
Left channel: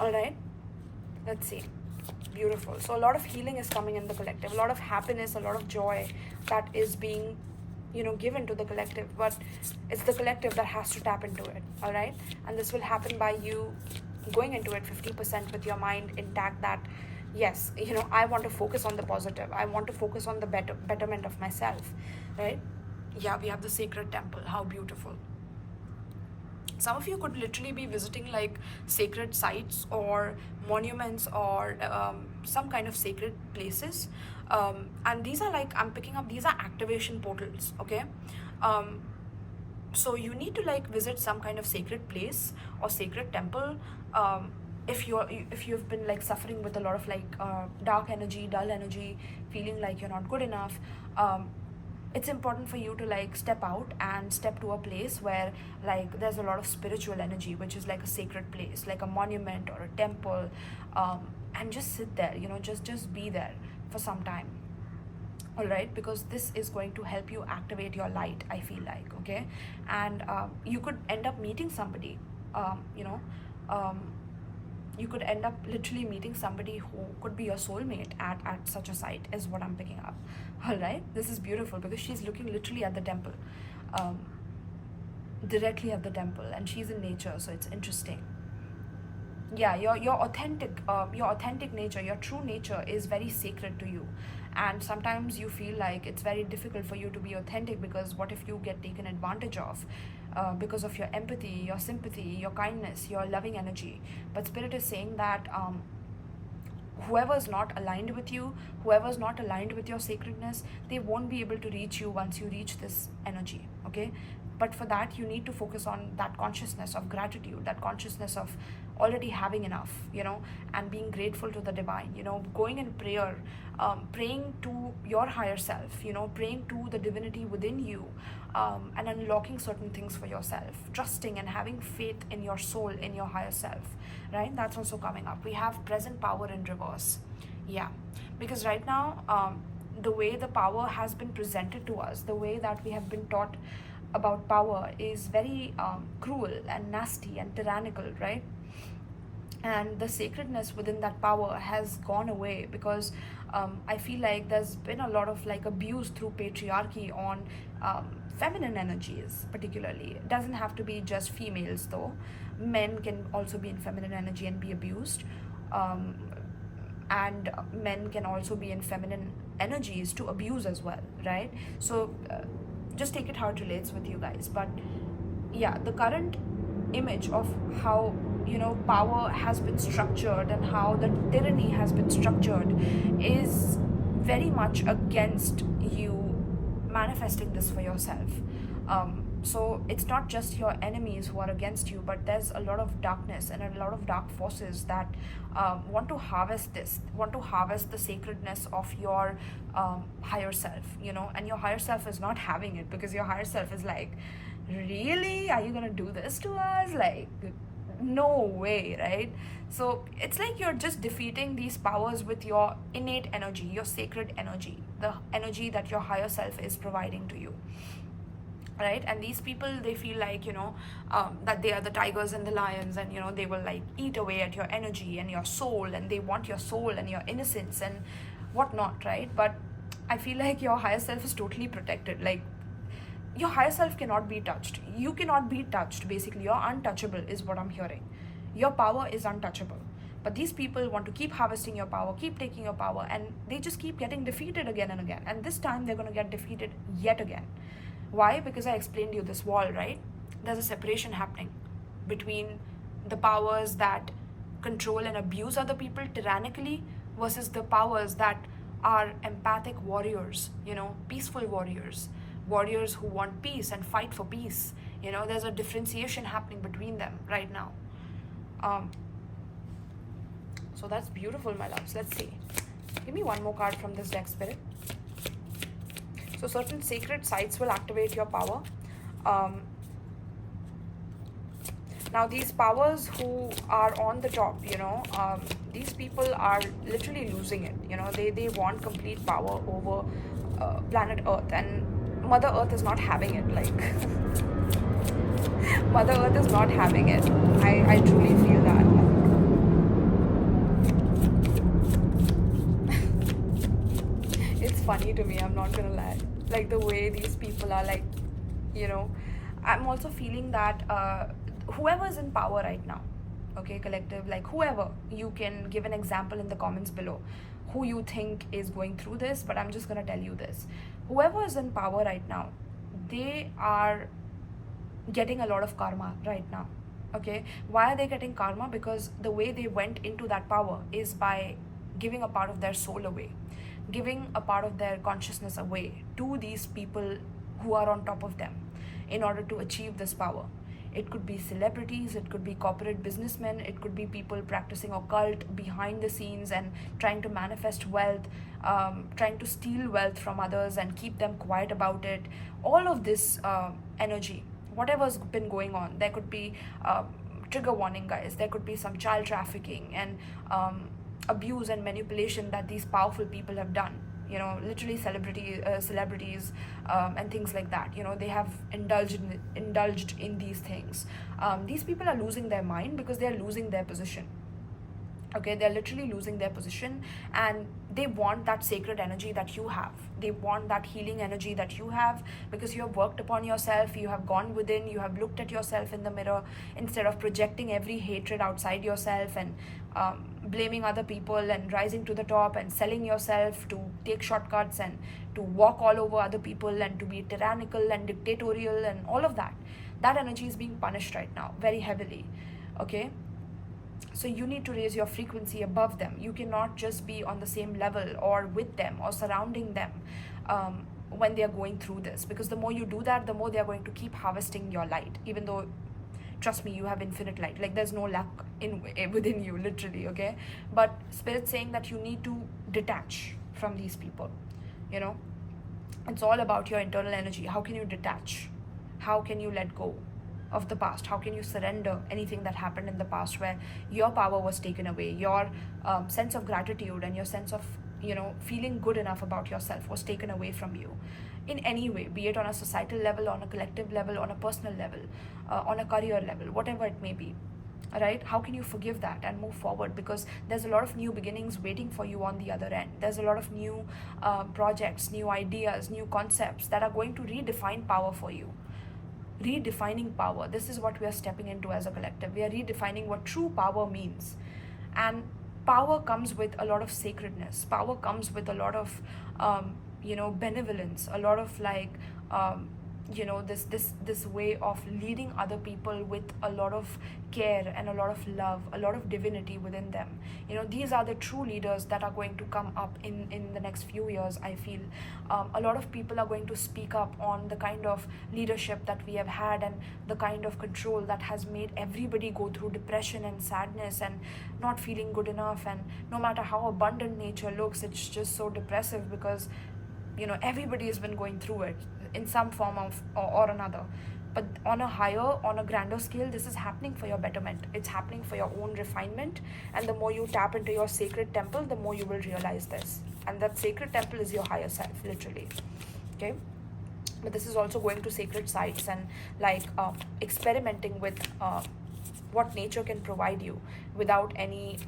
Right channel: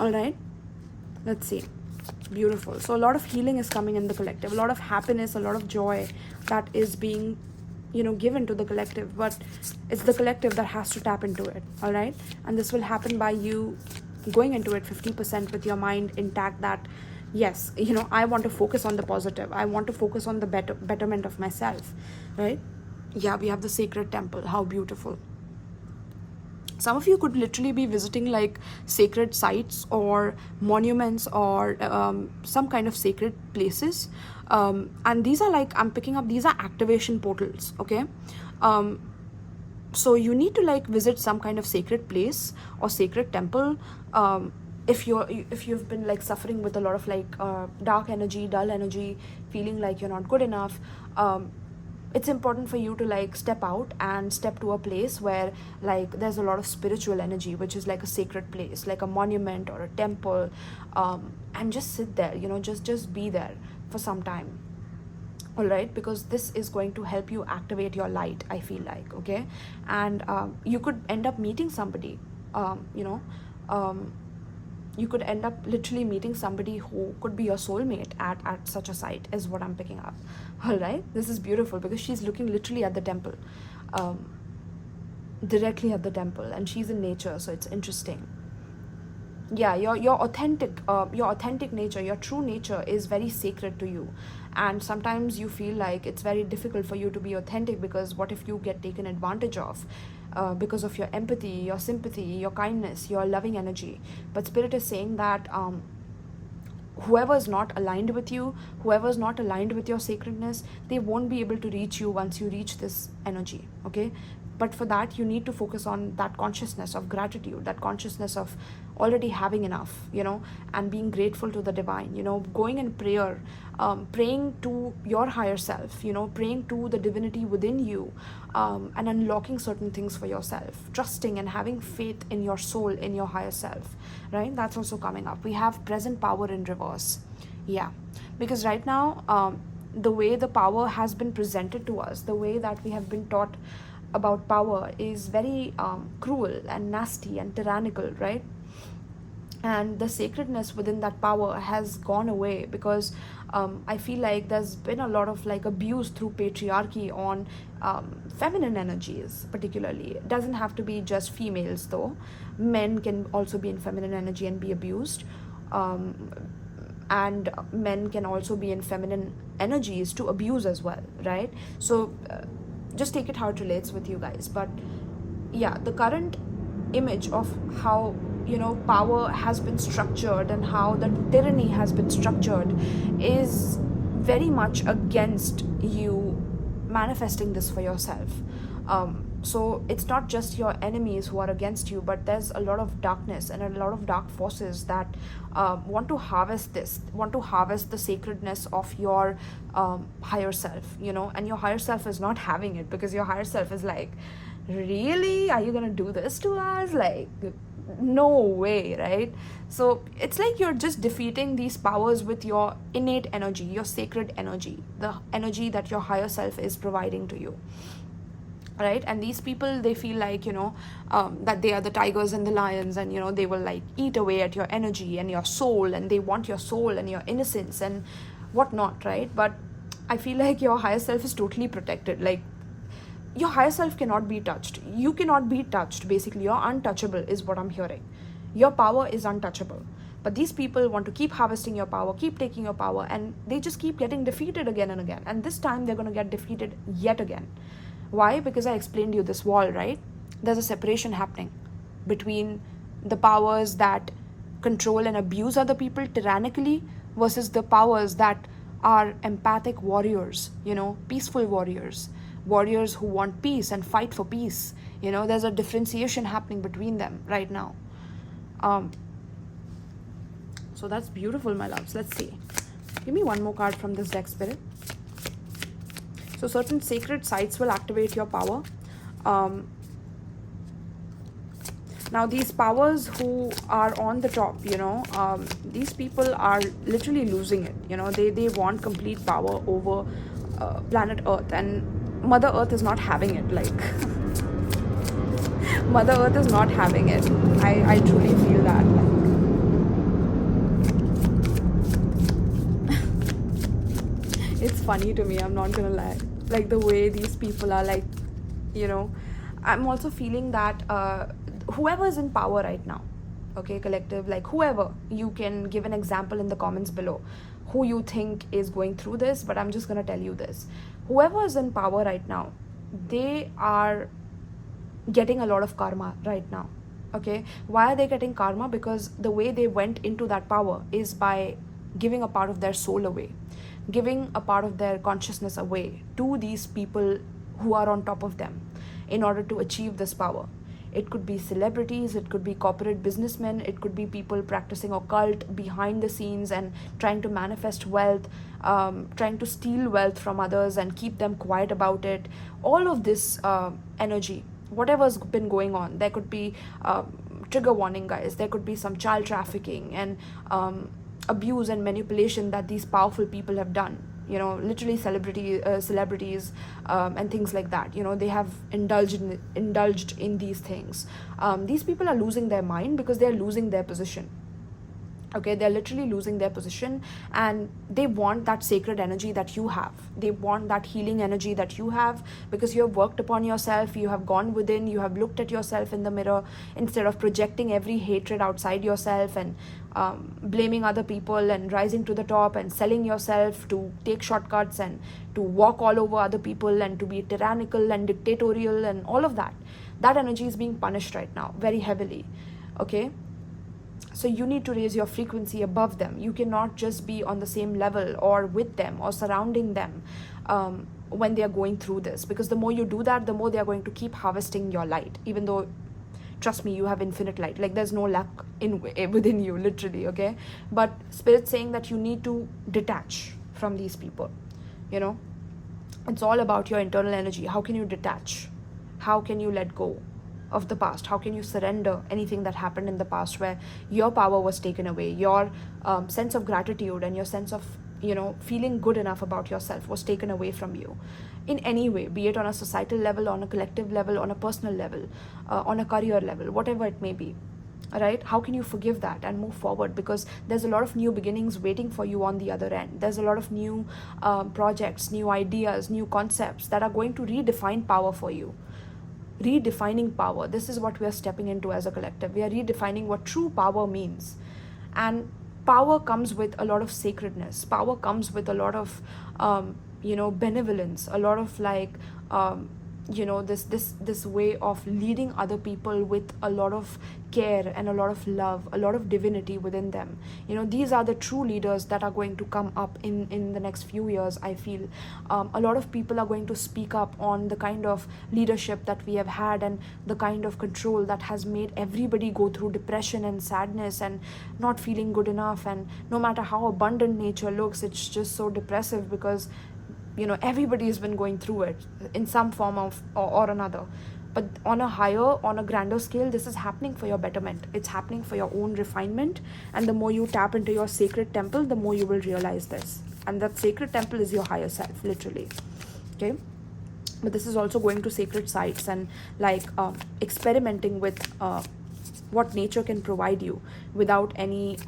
All right, let's see. Beautiful. So a lot of healing is coming in the collective, a lot of happiness, a lot of joy that is being, you know, given to the collective, but it's the collective that has to tap into it. All right, and this will happen by you going into it 50% with your mind intact, that yes, you know, I want to focus on the positive, I want to focus on the betterment of myself, right? Yeah, we have the sacred temple. How beautiful. Some of you could literally be visiting like sacred sites or monuments or some kind of sacred places, and these are like, I'm picking up, these are activation portals. Okay, so you need to like visit some kind of sacred place or sacred temple. If you've been like suffering with a lot of like dark energy, dull energy, feeling like you're not good enough, it's important for you to like step out and step to a place where like there's a lot of spiritual energy, which is like a sacred place, like a monument or a temple, and just sit there, you know, just be there for some time. All right, because this is going to help you activate your light, I feel like. Okay, and you could end up meeting somebody, you know, you could end up literally meeting somebody who could be your soulmate at such a site, is what I'm picking up. All right, this is beautiful because she's looking literally at the temple, directly at the temple, and she's in nature, so it's interesting. Yeah, your authentic nature, your true nature is very sacred to you, and sometimes you feel like it's very difficult for you to be authentic, because what if you get taken advantage of because of your empathy, your sympathy, your kindness, your loving energy. But Spirit is saying that whoever is not aligned with you, whoever is not aligned with your sacredness, they won't be able to reach you once you reach this energy. Okay, but for that you need to focus on that consciousness of gratitude, that consciousness of already having enough, you know, and being grateful to the divine, you know, going in prayer, praying to your higher self, you know, praying to the divinity within you, and unlocking certain things for yourself, trusting and having faith in your soul, in your higher self, right? That's also coming up. We have present power in reverse. Yeah, because right now the way the power has been presented to us, the way that we have been taught about power is very cruel and nasty and tyrannical, right? And the sacredness within that power has gone away, because I feel like there's been a lot of like abuse through patriarchy on feminine energies. Particularly, it doesn't have to be just females though, men can also be in feminine energy and be abused, and men can also be in feminine energies to abuse as well, right? So just take it how it relates with you guys. But yeah, the current image of how, you know, power has been structured and how the tyranny has been structured is very much against you manifesting this for yourself. So it's not just your enemies who are against you, but there's a lot of darkness and a lot of dark forces that want to harvest this, want to harvest the sacredness of your higher self, you know, and your higher self is not having it, because your higher self is like, really, are you gonna do this to us? Like, no way, right? So it's like you're just defeating these powers with your innate energy, your sacred energy, the energy that your higher self is providing to you, right? And these people, they feel like, you know, that they are the tigers and the lions, and you know, they will like eat away at your energy and your soul, and they want your soul and your innocence and whatnot, right? But I feel like your higher self is totally protected. Like, your higher self cannot be touched. You cannot be touched. Basically, you're untouchable is what I'm hearing. Your power is untouchable. But these people want to keep harvesting your power, keep taking your power, and they just keep getting defeated again and again. And this time they're going to get defeated yet again. Why? Because I explained to you this wall, right? There's a separation happening between the powers that control and abuse other people tyrannically versus the powers that are empathic warriors, you know, peaceful warriors, warriors who want peace and fight for peace. You know, there's a differentiation happening between them right now. So that's beautiful, my loves. Let's see. Give me one more card from this deck, Spirit. So certain sacred sites will activate your power. Now these powers who are on the top, these people are literally losing it. They want complete power over planet Earth, and Mother Earth is not having it. Like Mother Earth is not having it. I truly feel that. It's funny to me, I'm not gonna lie, like the way these people are, like, I'm also feeling that whoever is in power right now, okay, collective, like whoever, you can give an example in the comments below who you think is going through this, but I'm just gonna tell you this. Whoever is in power right now, they are getting a lot of karma right now. Okay, why are they getting karma? Because the way they went into that power is by giving a part of their soul away, giving a part of their consciousness away to these people who are on top of them in order to achieve this power. It could be celebrities, it could be corporate businessmen, it could be people practicing occult behind the scenes and trying to manifest wealth, trying to steal wealth from others and keep them quiet about it. All of this energy, whatever's been going on, there could be trigger warning, guys, there could be some child trafficking and abuse and manipulation that these powerful people have done. Literally celebrities and things like that. They have indulged in these things. These people are losing their mind because they're losing their position. Okay, they're literally losing their position, and they want that sacred energy that you have. They want that healing energy that you have, because you have worked upon yourself, you have gone within, you have looked at yourself in the mirror instead of projecting every hatred outside yourself and blaming other people and rising to the top and selling yourself to take shortcuts and to walk all over other people and to be tyrannical and dictatorial and all of that. That energy is being punished right now very heavily. Okay, so you need to raise your frequency above them. You cannot just be on the same level or with them or surrounding them when they are going through this, because the more you do that, the more they are going to keep harvesting your light, even though, trust me, you have infinite light. Like, there's no lack within you, literally. Okay, but Spirit's saying that you need to detach from these people. It's all about your internal energy. How can you detach? How can you let go of the past? How can you surrender anything that happened in the past where your power was taken away, your sense of gratitude and your sense of feeling good enough about yourself was taken away from you in any way, be it on a societal level, on a collective level, on a personal level, on a career level, whatever it may be, right? How can you forgive that and move forward? Because there's a lot of new beginnings waiting for you on the other end. There's a lot of new projects, new ideas, new concepts that are going to redefine power for you. Redefining power. This is what we are stepping into as a collective. We are redefining what true power means. And power comes with a lot of sacredness. Power comes with a lot of benevolence, a lot of this way of leading other people with a lot of care and a lot of love, a lot of divinity within them. These are the true leaders that are going to come up in the next few years. I feel a lot of people are going to speak up on the kind of leadership that we have had and the kind of control that has made everybody go through depression and sadness and not feeling good enough. And no matter how abundant nature looks, it's just so depressive because everybody has been going through it in some form of or another. But on a higher, on a grander scale, this is happening for your betterment. It's happening for your own refinement. And the more you tap into your sacred temple, the more you will realize this. And that sacred temple is your higher self, literally. Okay? But this is also going to sacred sites and experimenting with what nature can provide you without any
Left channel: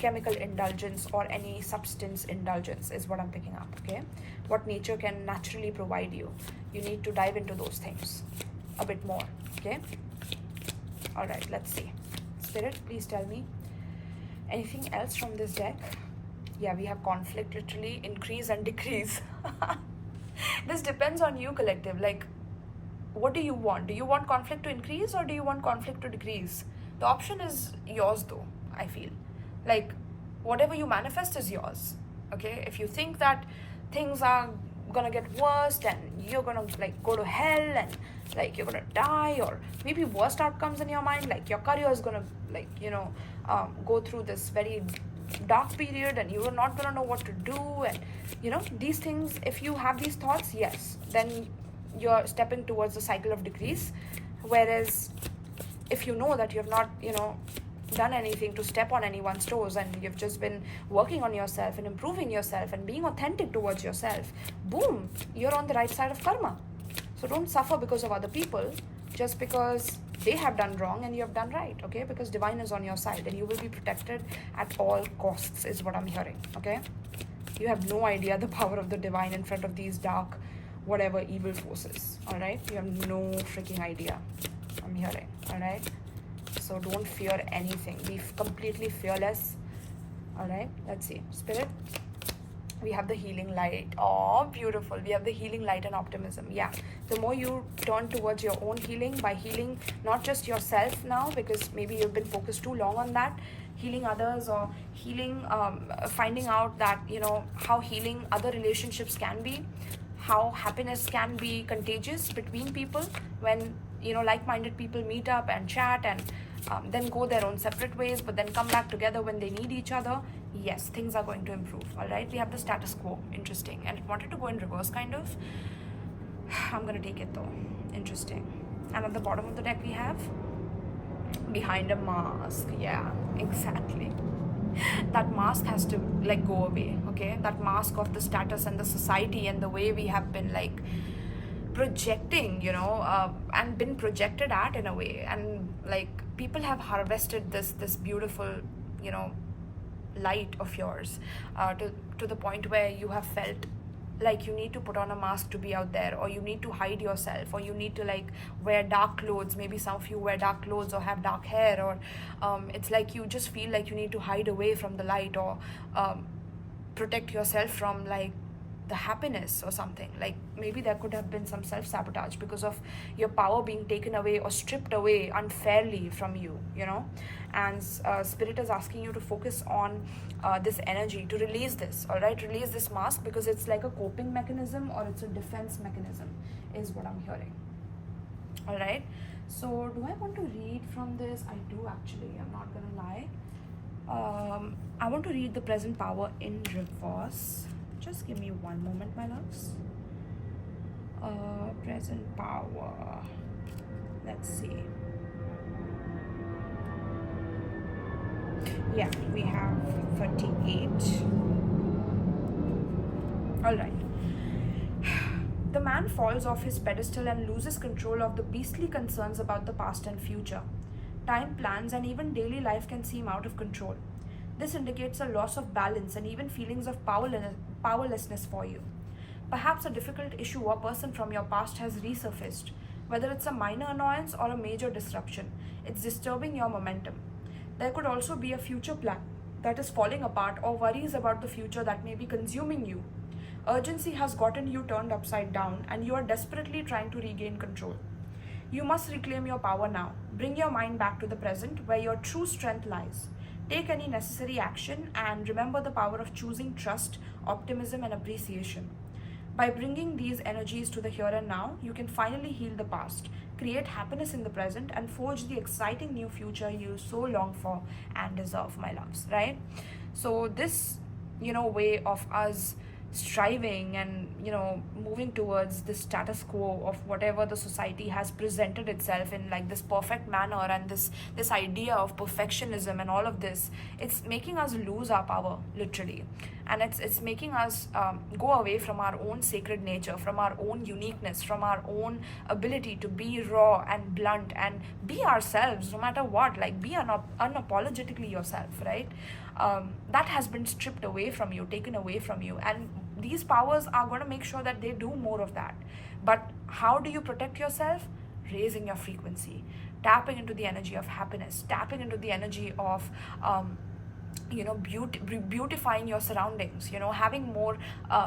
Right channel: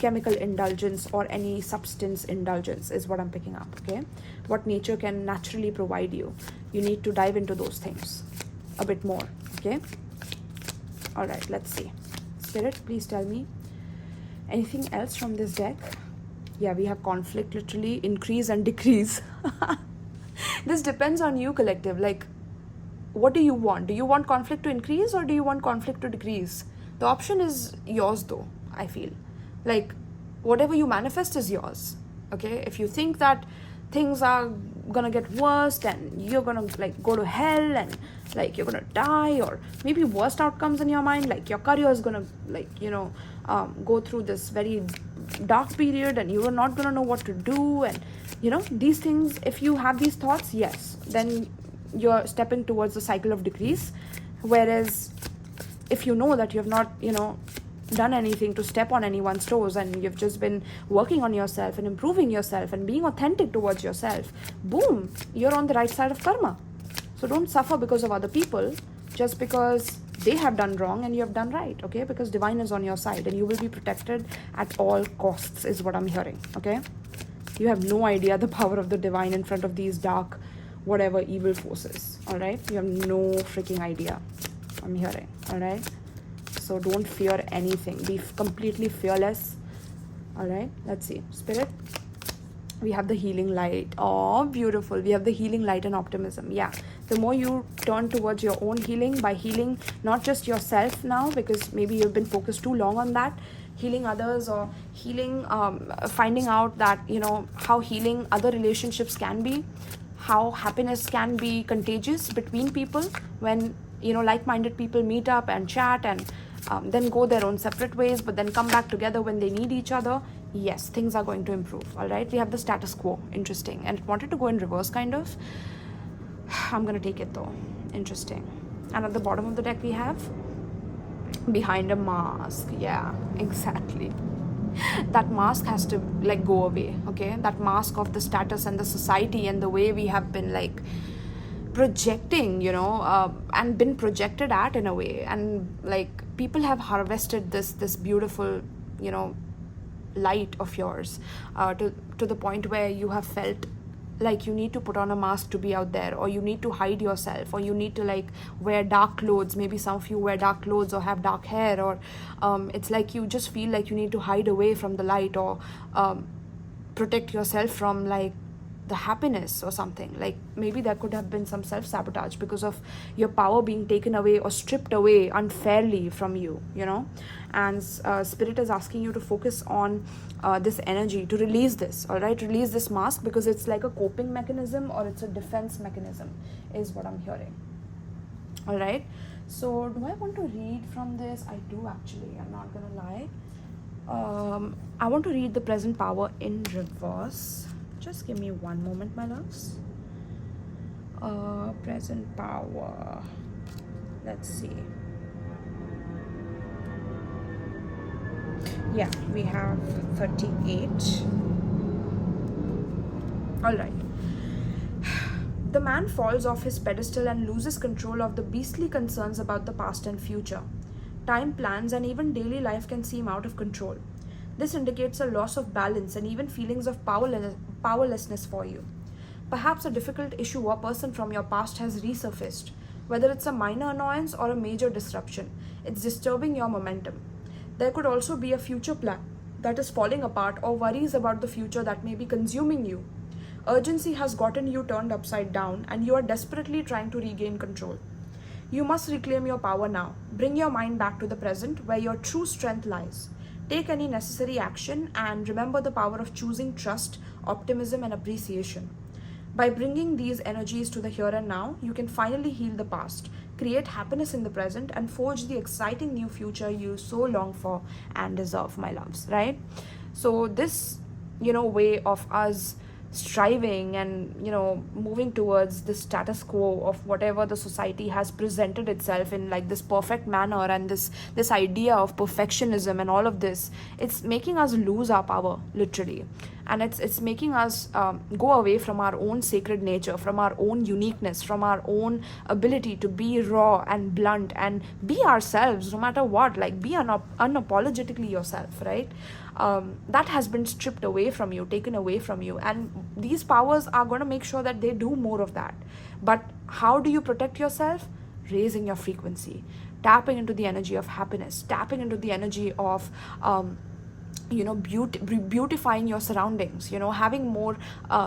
chemical indulgence or any substance indulgence is what I'm picking up. Okay, what nature can naturally provide you. You need to dive into those things a bit more. Okay, all right, let's see. Spirit, please tell me anything else from this deck. Yeah, we have conflict, literally increase and decrease. This depends on you, collective. Like, what do you want? Do you want conflict to increase or do you want conflict to decrease? The option is yours though, I feel. Like, whatever you manifest is yours. Okay, if you think that things are gonna get worse and you're gonna go to hell and you're gonna die, or maybe worst outcomes in your mind, like your career is gonna go through this very dark period and you are not gonna know what to do, and these things, if you have these thoughts, yes, then you're stepping towards the cycle of decrease. Whereas if you know that you've not, done anything to step on anyone's toes, and you've just been working on yourself and improving yourself and being authentic towards yourself, boom, you're on the right side of karma. So don't suffer because of other people, just because they have done wrong and you have done right, okay? Because divine is on your side and you will be protected at all costs, is what I'm hearing, okay? You have no idea the power of the divine in front of these dark, whatever, evil forces, all right? You have no freaking idea, I'm hearing, all right? So don't fear anything. Be completely fearless. All right, let's see. Spirit, we have the healing light. Oh, beautiful. We have the healing light and optimism. Yeah, the more you turn towards your own healing, by healing not just yourself now, because maybe you've been focused too long on that, healing others, or healing, finding out that, how healing other relationships can be, how happiness can be contagious between people when, like-minded people meet up and chat and then go their own separate ways, but then come back together when they need each other. Yes, things are going to improve. All right, we have the status quo. Interesting. And it wanted to go in reverse, kind of. I'm gonna take it though. Interesting. And at the bottom of the deck we have behind a mask. Yeah, exactly. That mask has to go away, okay? That mask of the status and the society and the way we have been projecting, and been projected at in a way, and people have harvested this beautiful, light of yours to the point where you have felt like you need to put on a mask to be out there, or you need to hide yourself, or you need to wear dark clothes. Maybe some of you wear dark clothes or have dark hair, or it's like you just feel like you need to hide away from the light, or protect yourself from the happiness or something. Maybe there could have been some self-sabotage because of your power being taken away or stripped away unfairly from you, and Spirit is asking you to focus on this energy, to release this, all right? Release this mask, because it's like a coping mechanism or it's a defense mechanism, is what I'm hearing. All right, so do I want to read from this? I do, actually. I'm not gonna lie. I want to read the present power in reverse. Just give me one moment, my loves. Present power. Let's see. Yeah, we have 38. All right. The man falls off his pedestal and loses control of the beastly concerns about the past and future. Time, plans, and even daily life can seem out of control. This indicates a loss of balance and even feelings of powerlessness for you. Perhaps a difficult issue or person from your past has resurfaced. Whether it's a minor annoyance or a major disruption, it's disturbing your momentum. There could also be a future plan that is falling apart, or worries about the future that may be consuming you. Urgency has gotten you turned upside down, and you are desperately trying to regain control. You must reclaim your power now. Bring your mind back to the present, where your true strength lies. Take any necessary action, and remember the power of choosing trust, optimism, and appreciation. By bringing these energies to the here and now, you can finally heal the past, create happiness in the present, and forge the exciting new future you so long for and deserve, my loves, right? So this, way of us striving and moving towards the status quo of whatever the society has presented itself in this perfect manner, and this idea of perfectionism and all of this, it's making us lose our power, literally. And it's making us go away from our own sacred nature, from our own uniqueness, from our own ability to be raw and blunt and be ourselves no matter what, be unapologetically yourself, right? That has been stripped away from you, taken away from you, and these powers are going to make sure that they do more of that. But how do you protect yourself? Raising your frequency, tapping into the energy of happiness, tapping into the energy of beautifying your surroundings, having more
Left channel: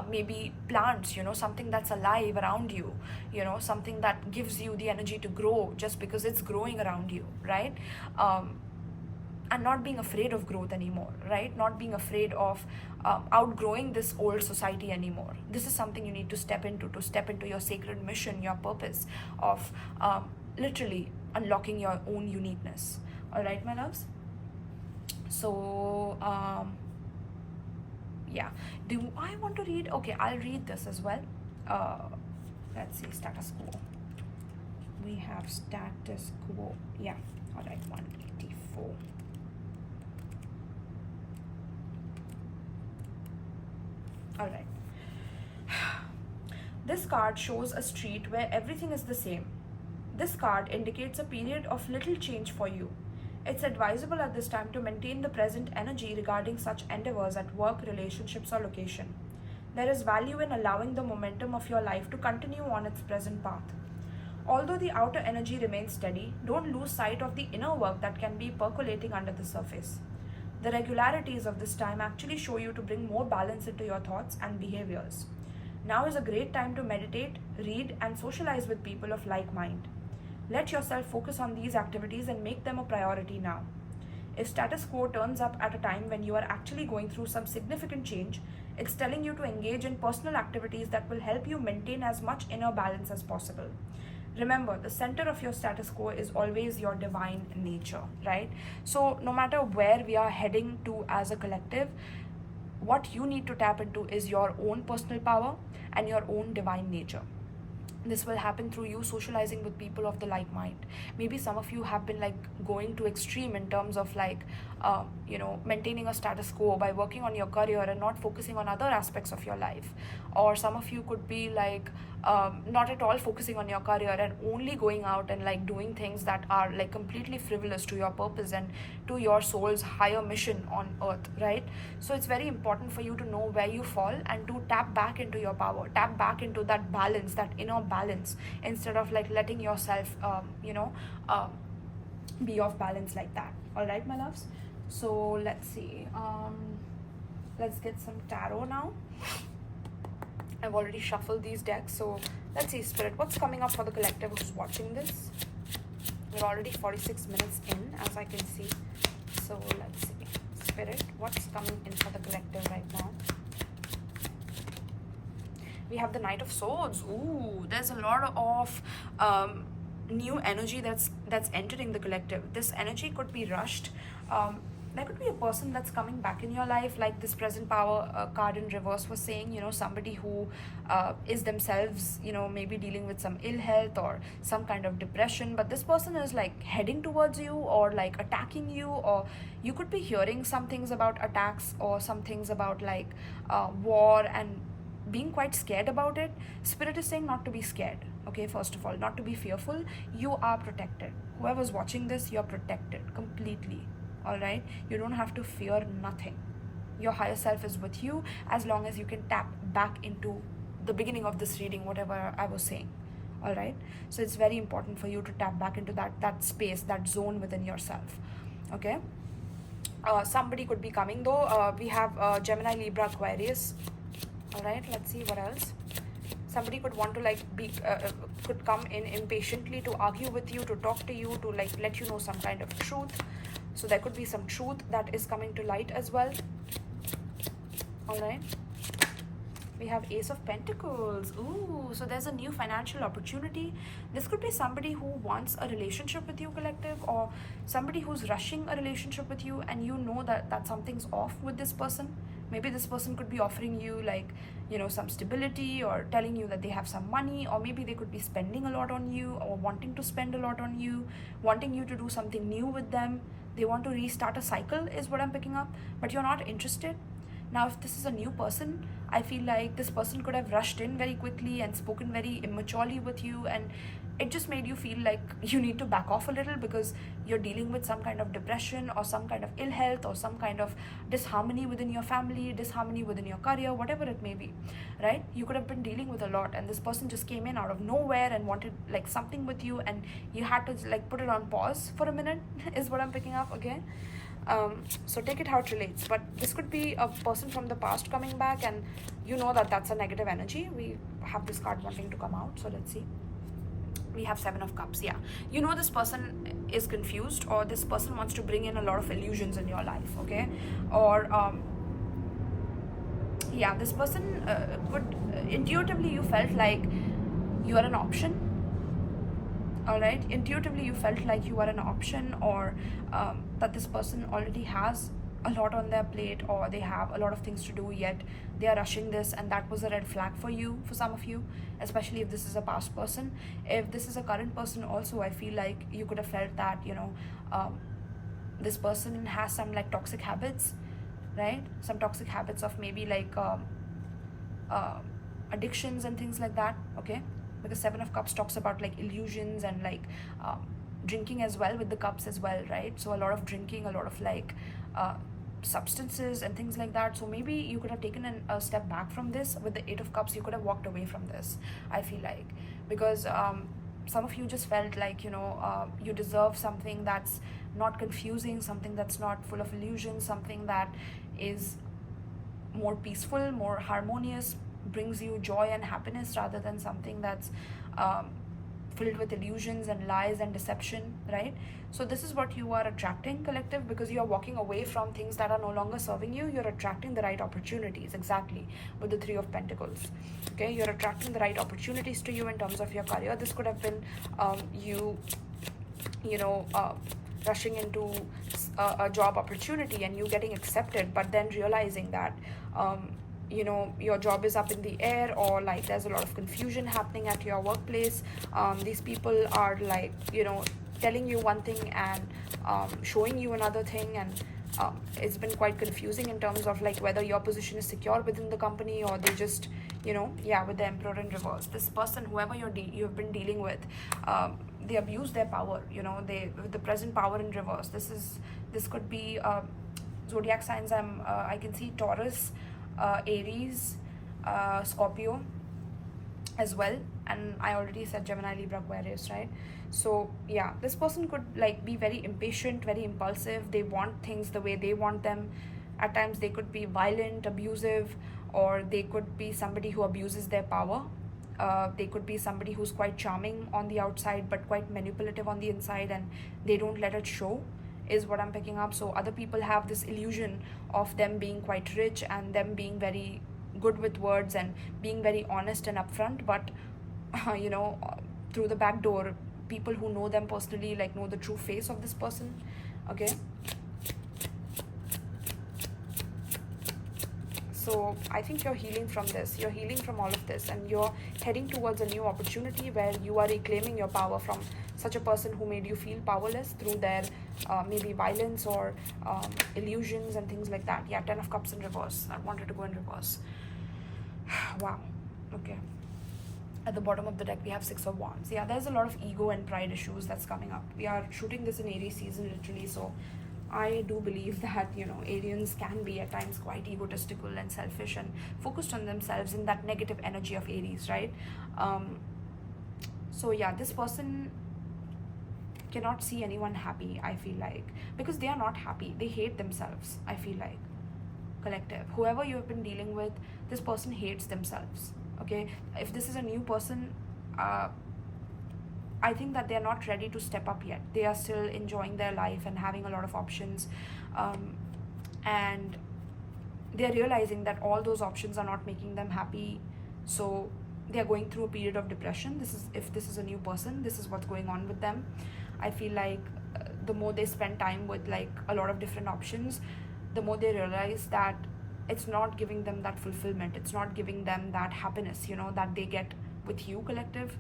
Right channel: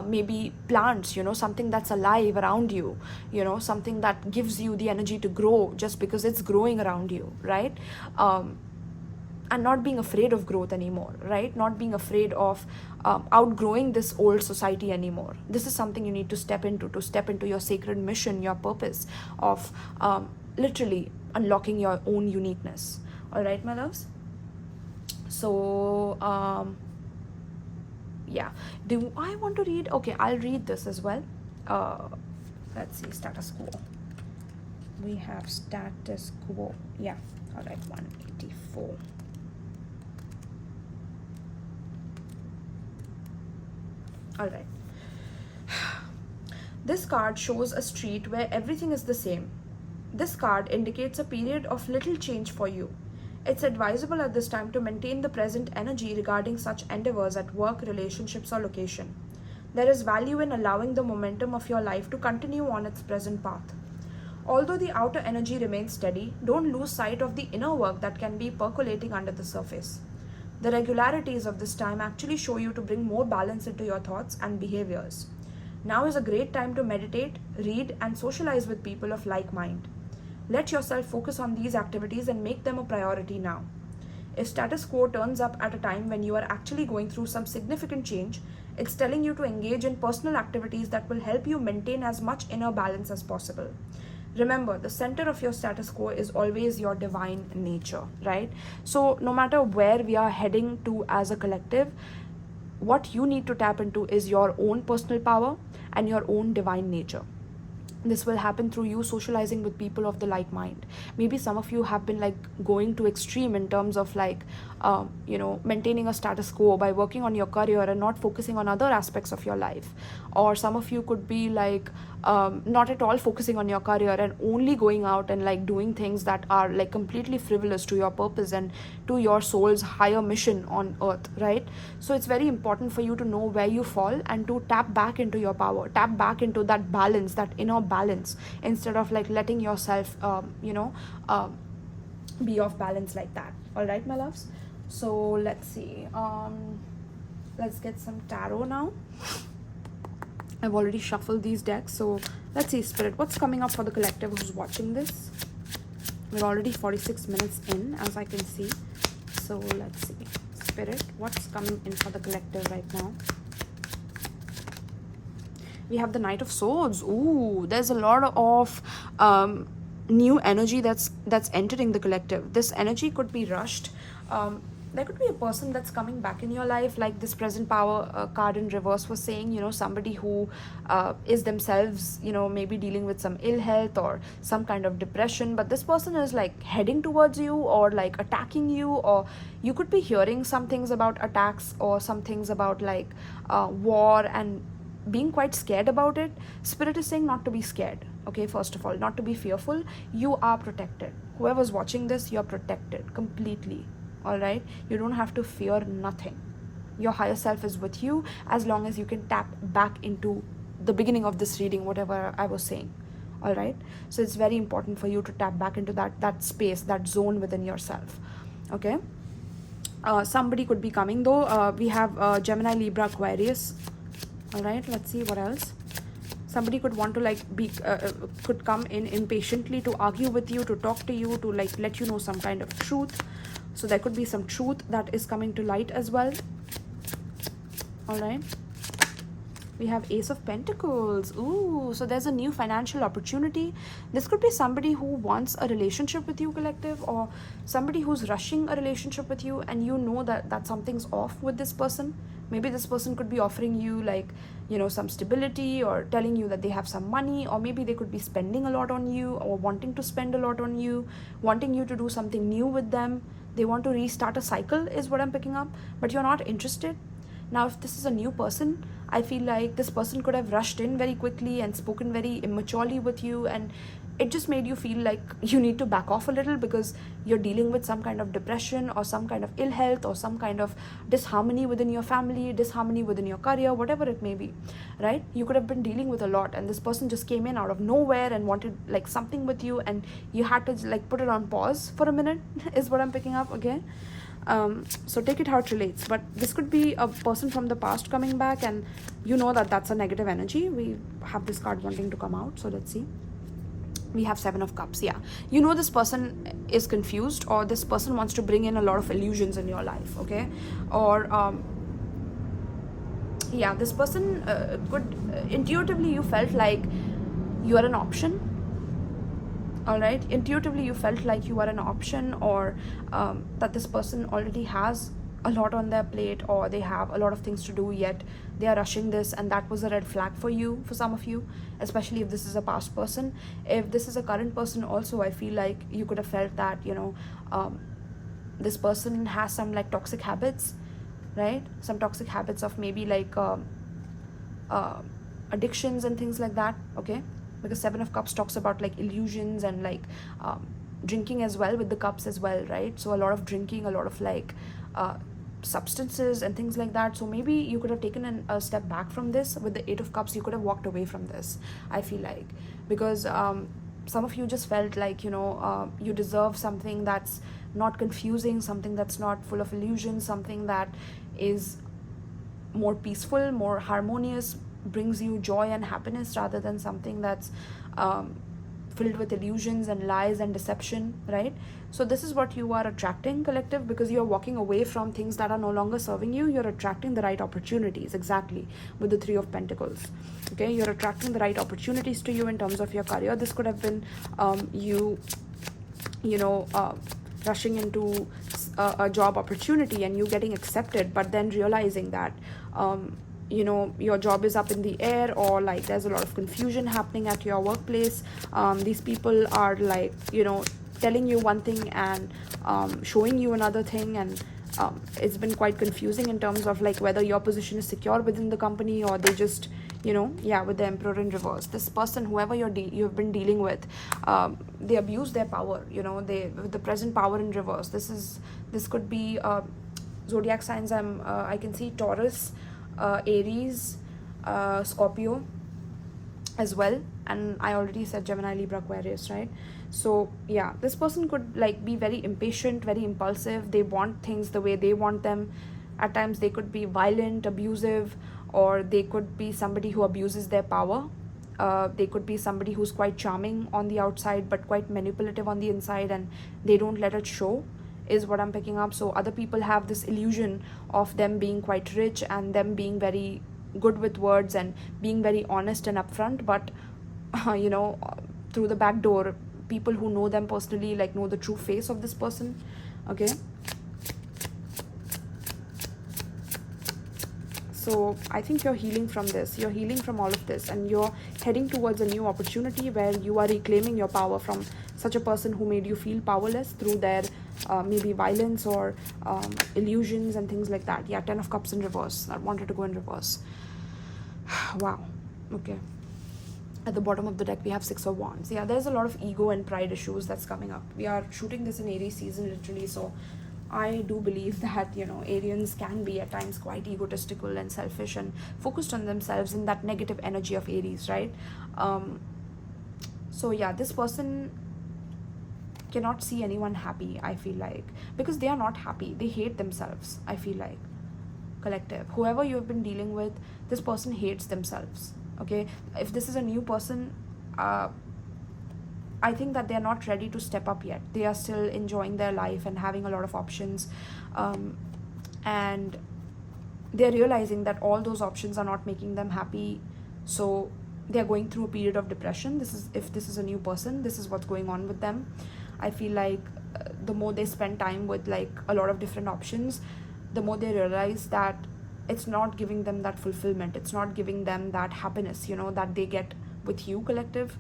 maybe plants, something that's alive around you, something that gives you the energy to grow just because it's growing around you, right? And not being afraid of growth anymore, right? Not being afraid of outgrowing this old society anymore. This is something you need to step into your sacred mission, your purpose of literally unlocking your own uniqueness. All right, my loves? So, yeah. Do I want to read? Okay, I'll read this as well. Let's see, status quo. We have status quo. Yeah, all right, 184. All right. This card shows a street where everything is the same. This card indicates a period of little change for you. It's advisable at this time to maintain the present energy regarding such endeavors at work, relationships, or location. There is value in allowing the momentum of your life to continue on its present path. Although the outer energy remains steady, don't lose sight of the inner work that can be percolating under the surface. The regularities of this time actually show you to bring more balance into your thoughts and behaviors. Now is a great time to meditate, read, and socialize with people of like mind. Let yourself focus on these activities and make them a priority now. If status quo turns up at a time when you are actually going through some significant change, it's telling you to engage in personal activities that will help you maintain as much inner balance as possible. Remember, the center of your status quo is always your divine nature, right? So no matter where we are heading to as a collective, what you need to tap into is your own personal power and your own divine nature. This will happen through you socializing with people of the like mind. Maybe some of you have been like going to extreme in terms of like maintaining a status quo by working on your career and not focusing on other aspects of your life. Or some of you could be like not at all focusing on your career and only going out and like doing things that are like completely frivolous to your purpose and to your soul's higher mission on earth, right? So it's very important for you to know where you fall and to tap back into your power, tap back into that balance, that inner balance, instead of like letting yourself be off balance like that. All right, my loves, so let's see, let's get some tarot now. I've already shuffled these decks, so let's see, Spirit, what's coming up for the collective who's watching this? We're already 46 minutes in, as I can see. So let's see, Spirit, what's coming in for the collective right now? We have the Knight of Swords. Ooh, there's a lot of new energy that's entering the collective. This energy could be rushed. There could be a person that's coming back in your life, like this present power card in reverse was saying, somebody who is themselves, maybe dealing with some ill health or some kind of depression, but this person is like heading towards you or like attacking you, or you could be hearing some things about attacks or some things about like war and being quite scared about it. Spirit is saying not to be scared, okay? First of all, not to be fearful. You are protected. Whoever's watching this, you're protected completely. All right, you don't have to fear nothing. Your higher self is with you as long as you can tap back into the beginning of this reading, whatever I was saying. All right, so it's very important for you to tap back into that space, that zone within yourself. Okay, somebody could be coming though. We have Gemini, Libra, Aquarius. All right, let's see what else. Somebody could want to like could come in impatiently to argue with you, to talk to you, to like let you know some kind of truth. So there could be some truth that is coming to light as well. All right, we have Ace of Pentacles. Ooh, so there's a new financial opportunity. This could be somebody who wants a relationship with you, collective, or somebody who's rushing a relationship with you, and you know that something's off with this person. Maybe this person could be offering you like some stability, or telling you that they have some money, or maybe they could be spending a lot on you, or wanting to spend a lot on you, wanting you to do something new with them. They want to restart a cycle is what I'm picking up, but you're not interested. Now, if this is a new person, I feel like this person could have rushed in very quickly and spoken very immaturely with you, and it just made you feel like you need to back off a little because you're dealing with some kind of depression or some kind of ill health or some kind of disharmony within your family, disharmony within your career, whatever it may be, right? You could have been dealing with a lot, and this person just came in out of nowhere and wanted like something with you, and you had to like put it on pause for a minute is what I'm picking up, okay? So take it how it relates, but this could be a person from the past coming back, and that's a negative energy. We have this card wanting to come out, so let's see. We have Seven of Cups. Yeah, this person is confused, or this person wants to bring in a lot of illusions in your life, okay? Or yeah, this person could intuitively you felt like you are an option. All right, intuitively you felt like you are an option, or that this person already has a lot on their plate, or they have a lot of things to do, yet they are rushing this, and that was a red flag for you, for some of you, especially if this is a past person. If this is a current person also, I feel like you could have felt that, this person has some like toxic habits, right? Some toxic habits of maybe like addictions and things like that, okay? Because Seven of Cups talks about like illusions and like drinking as well, with the cups as well, right? So a lot of drinking, a lot of like substances and things like that. So maybe you could have taken a step back from this. With the Eight of Cups, you could have walked away from this, I feel like, because some of you just felt like, you deserve something that's not confusing, something that's not full of illusions, something that is more peaceful, more harmonious, brings you joy and happiness, rather than something that's filled with illusions and lies and deception, right? So this is what you are attracting, collective, because you are walking away from things that are no longer serving you. You're attracting the right opportunities, exactly, with the Three of Pentacles, okay? You're attracting the right opportunities to you in terms of your career. This could have been rushing into a job opportunity and you getting accepted, but then realizing that your job is up in the air, or like there's a lot of confusion happening at your workplace. These people are like, telling you one thing and showing you another thing, and it's been quite confusing in terms of like whether your position is secure within the company, or they just, with the Emperor in reverse. This person, whoever you've been dealing with, they abuse their power, with the present power in reverse. This could be zodiac signs. I can see Taurus, Aries, Scorpio as well, and I already said Gemini, Libra, Aquarius, right? So yeah, this person could like be very impatient, very impulsive. They want things the way they want them. At times they could be violent, abusive, or they could be somebody who abuses their power. They could be somebody who's quite charming on the outside but quite manipulative on the inside, and they don't let it show, is what I'm picking up. So other people have this illusion of them being quite rich and them being very good with words and being very honest and upfront, but through the back door, people who know them personally like know the true face of this person, okay? So I think you're healing from this, you're healing from all of this, and you're heading towards a new opportunity where you are reclaiming your power from such a person who made you feel powerless through their maybe violence or illusions and things like that. Yeah, Ten of Cups in reverse. I wanted to go in reverse. Wow, okay. At the bottom of the deck, we have Six of Wands. Yeah, there's a lot of ego and pride issues that's coming up. We are shooting this in Aries season, literally, so I do believe that, Arians can be at times quite egotistical and selfish and focused on themselves in that negative energy of Aries, right? So yeah, this person cannot see anyone happy, I feel like, because they are not happy. They hate themselves, I feel like, collective. Whoever you have been dealing with, this person hates themselves, okay? If this is a new person, I think that they are not ready to step up yet. They are still enjoying their life and having a lot of options, and they're realizing that all those options are not making them happy. So they're going through a period of depression. If this is a new person, this is what's going on with them. I feel like the more they spend time with like a lot of different options, the more they realize that it's not giving them that fulfillment. It's not giving them that happiness, that they get with you, collective.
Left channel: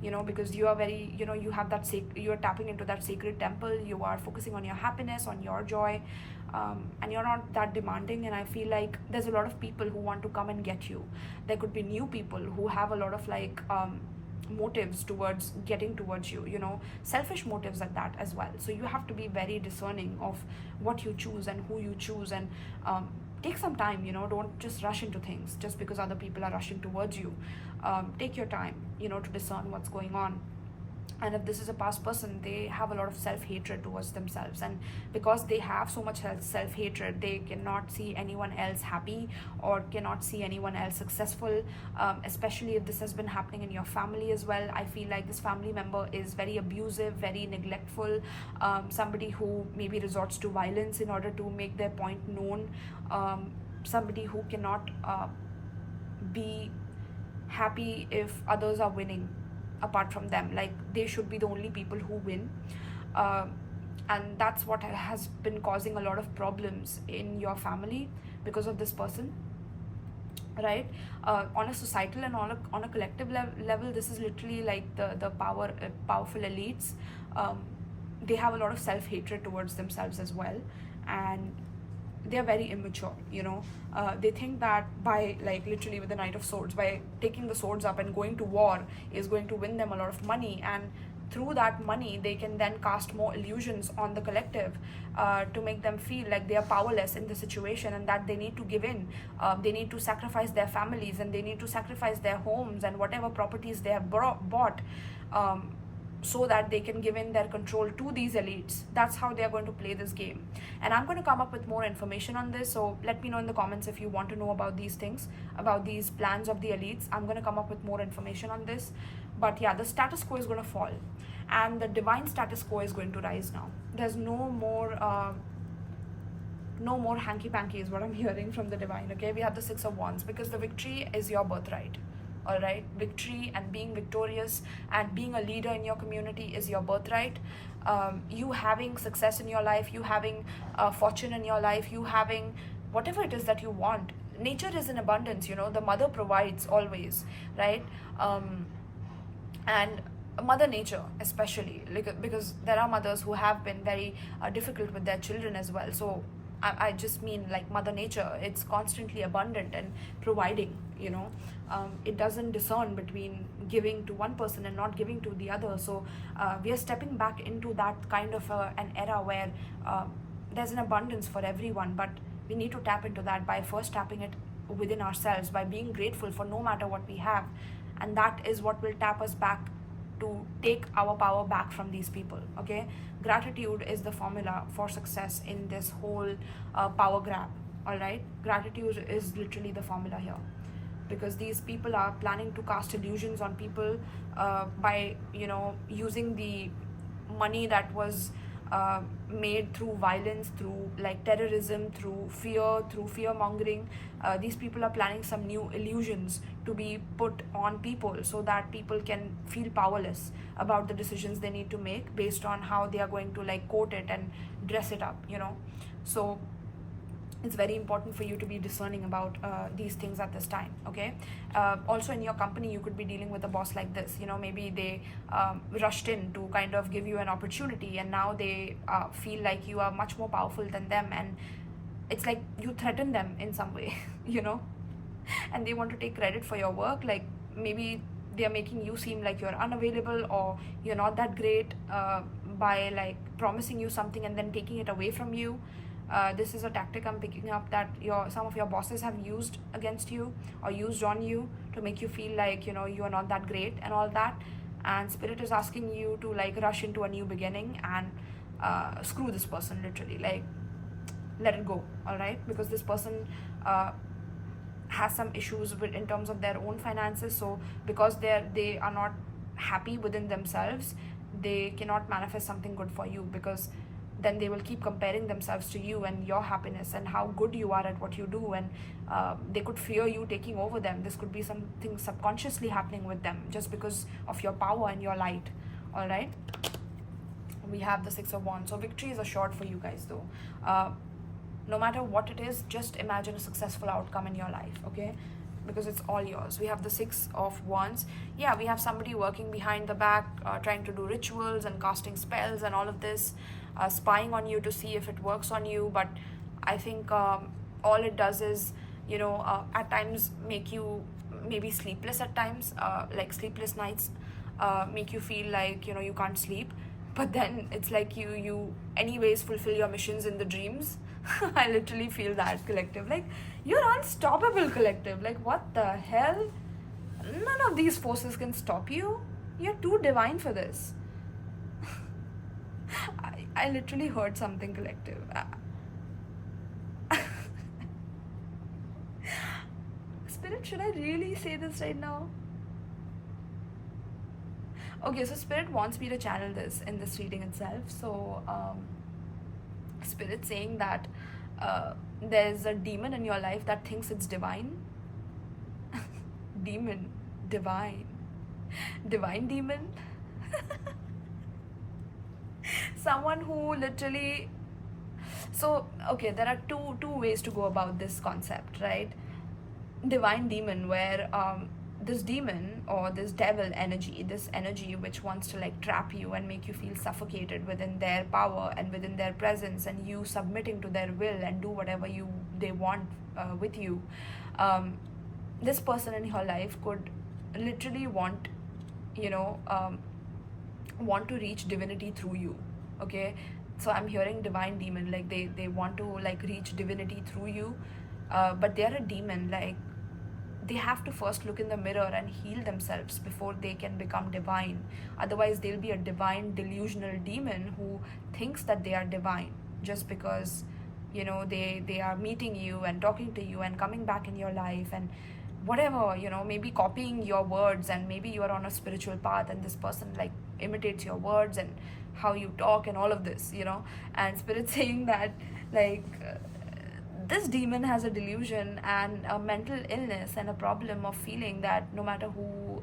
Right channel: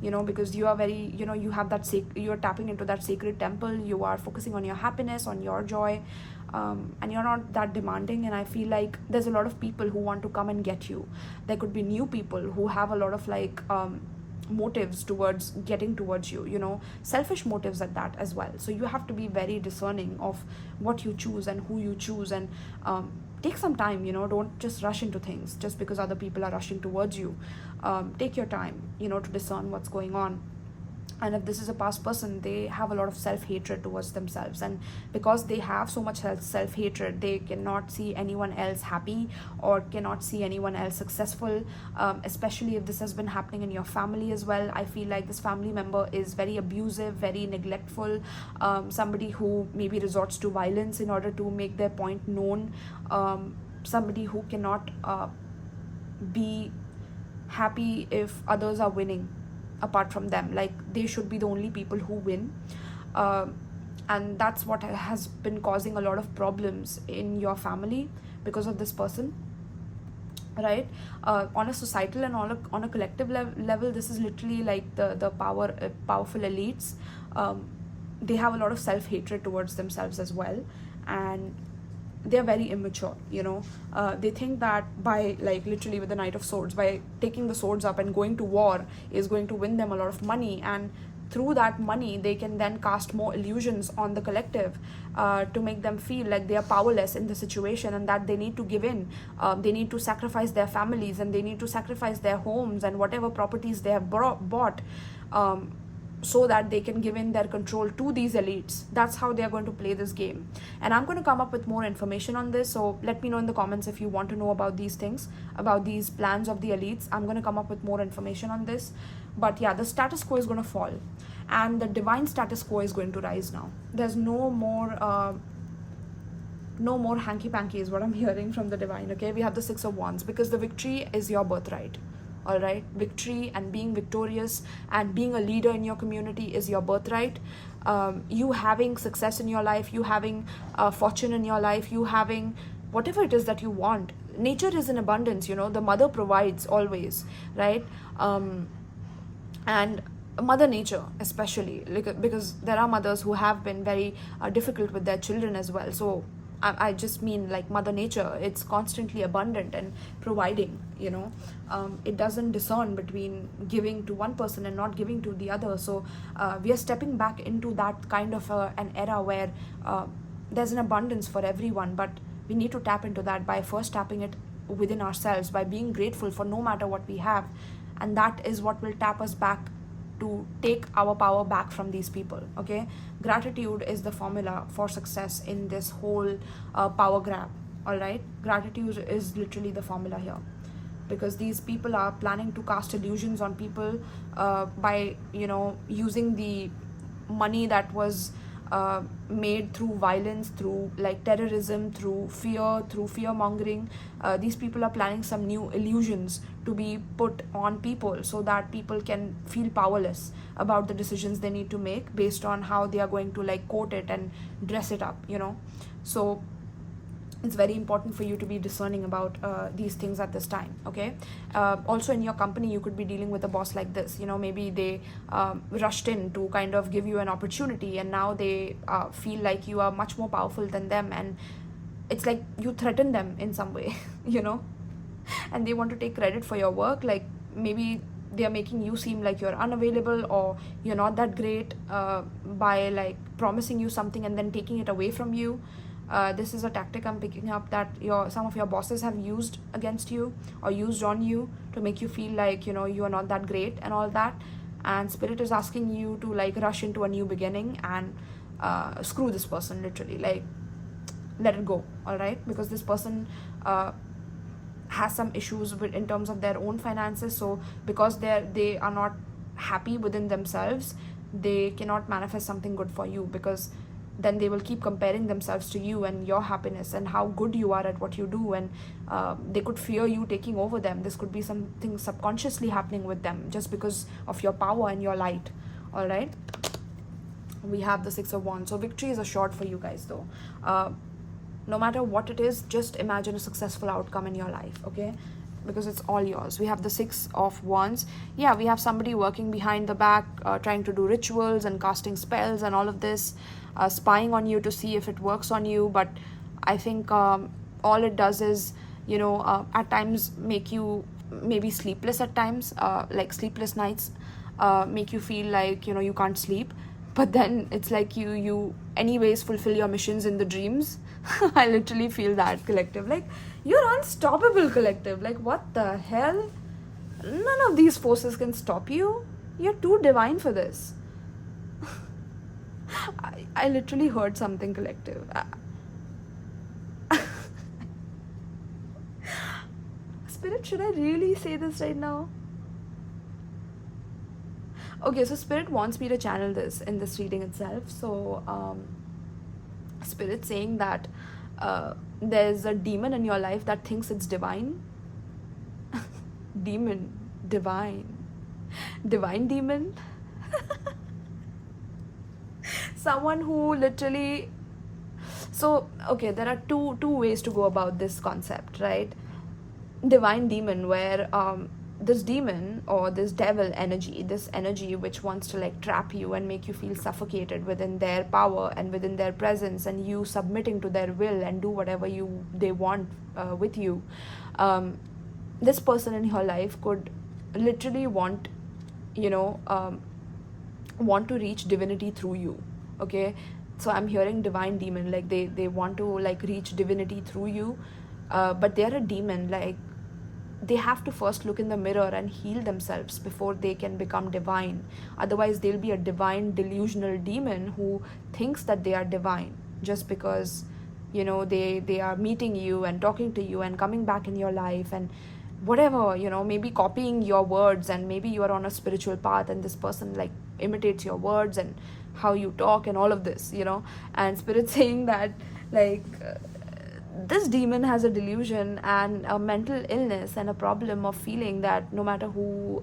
Because you are very, you have that, you are tapping into that sacred temple. You are focusing on your happiness, on your joy, and you're not that demanding. And I feel like there's a lot of people who want to come and get you. There could be new people who have a lot of like motives towards getting towards you, selfish motives at that as well. So you have to be very discerning of what you choose and who you choose, and take some time, don't just rush into things just because other people are rushing towards you. Take your time, to discern what's going on. And if this is a past person, they have a lot of self-hatred towards themselves, and because they have so much self-hatred, they cannot see anyone else happy or cannot see anyone else successful, especially if this has been happening in your family as well. I feel like this family member is very abusive, very neglectful, somebody who maybe resorts to violence in order to make their point known, somebody who cannot be happy if others are winning apart from them. Like, they should be the only people who win. and that's what has been causing a lot of problems in your family because of this person, right? On a societal and on a collective level, this is literally like the powerful elites. They have a lot of self-hatred towards themselves as well, and they're very immature, you know. They think that by, like, literally with the Knight of Swords, by taking the swords up and going to war is going to win them a lot of money, and through that money they can then cast more illusions on the collective, to make them feel like they are powerless in the situation, and that they need to give in. They need to sacrifice their families, and they need to sacrifice their homes and whatever properties they have bought, so that they can give in their control to these elites. That's how they are going to play this game. And I'm going to come up with more information on this, so let me know in the comments if you want to know about these things, about these plans of the elites. I'm going to come up with more information on this. But yeah, the status quo is going to fall, and the divine status quo is going to rise now. There's no more hanky-panky is what I'm hearing from the divine. Okay, we have the Six of Wands, because the victory is your birthright. All right, victory and being victorious and being a leader in your community is your birthright. You having success in your life, you having fortune in your life, you having whatever it is that you want. Nature is in abundance, you know. The mother provides always, right? And Mother Nature especially, like, because there are mothers who have been very difficult with their children as well. So I just mean, like, Mother Nature, it's constantly abundant and providing, you know. It doesn't discern between giving to one person and not giving to the other. So we are stepping back into that kind of an era where there's an abundance for everyone, but we need to tap into that by first tapping it within ourselves, by being grateful for no matter what we have. And that is what will tap us back to take our power back from these people. Okay, gratitude is the formula for success in this whole power grab. All right, gratitude is literally the formula here, because these people are planning to cast illusions on people by, you know, using the money that was made through violence, through like terrorism, through fear mongering. These people are planning some new illusions to be put on people, so that people can feel powerless about the decisions they need to make based on how they are going to, like, quote it and dress it up, you know. So it's very important for you to be discerning about these things at this time. Okay, also in your company you could be dealing with a boss like this, you know. Maybe they rushed in to kind of give you an opportunity, and now they feel like you are much more powerful than them, and it's like you threaten them in some way you know, and they want to take credit for your work. Like, maybe they are making you seem like you're unavailable or you're not that great by, like, promising you something and then taking it away from you. This is a tactic I'm picking up that some of your bosses have used against you or used on you to make you feel like, you know, you are not that great and all that. And Spirit is asking you to, like, rush into a new beginning and screw this person, literally. Like, let it go, all right? Because this person has some issues in terms of their own finances. So because they are not happy within themselves, they cannot manifest something good for you, because then they will keep comparing themselves to you and your happiness and how good you are at what you do, and they could fear you taking over them. This could be something subconsciously happening with them just because of your power and your light. All right, we have the Six of Wands. So victory is assured for you guys, though. No matter what it is, just imagine a successful outcome in your life, okay? Because it's all yours. We have the Six of Wands. Yeah, we have somebody working behind the back, trying to do rituals and casting spells and all of this, spying on you to see if it works on you. But I think all it does is, you know, at times make you maybe sleepless at times, like sleepless nights, make you feel like, you know, you can't sleep. But then it's like you anyways fulfill your missions in the dreams. I literally feel that, collective. Like, you're unstoppable, collective. Like, what the hell? None of these forces can stop you. You're too divine for this. I literally heard something, collective. Spirit, should I really say this right now? Okay, so Spirit wants me to channel this in this reading itself. So Spirit saying that there's a demon in your life that thinks it's divine. Demon, divine demon. Someone who literally, so okay, there are two ways to go about this concept, right? Divine demon, where this demon or this devil energy, this energy which wants to like trap you and make you feel suffocated within their power and within their presence, and you submitting to their will and do whatever they want with you. This person in your life could literally want, you know, want to reach divinity through you. Okay, so I'm hearing divine demon, like they want to like reach divinity through you, but they're a demon. Like they have to first look in the mirror and heal themselves before they can become divine. Otherwise they'll be a divine delusional demon who thinks that they are divine just because, you know, they are meeting you and talking to you and coming back in your life and whatever, you know, maybe copying your words, and maybe you are on a spiritual path and this person like imitates your words and how you talk and all of this, you know. And spirit saying that like this demon has a delusion and a mental illness and a problem of feeling that no matter who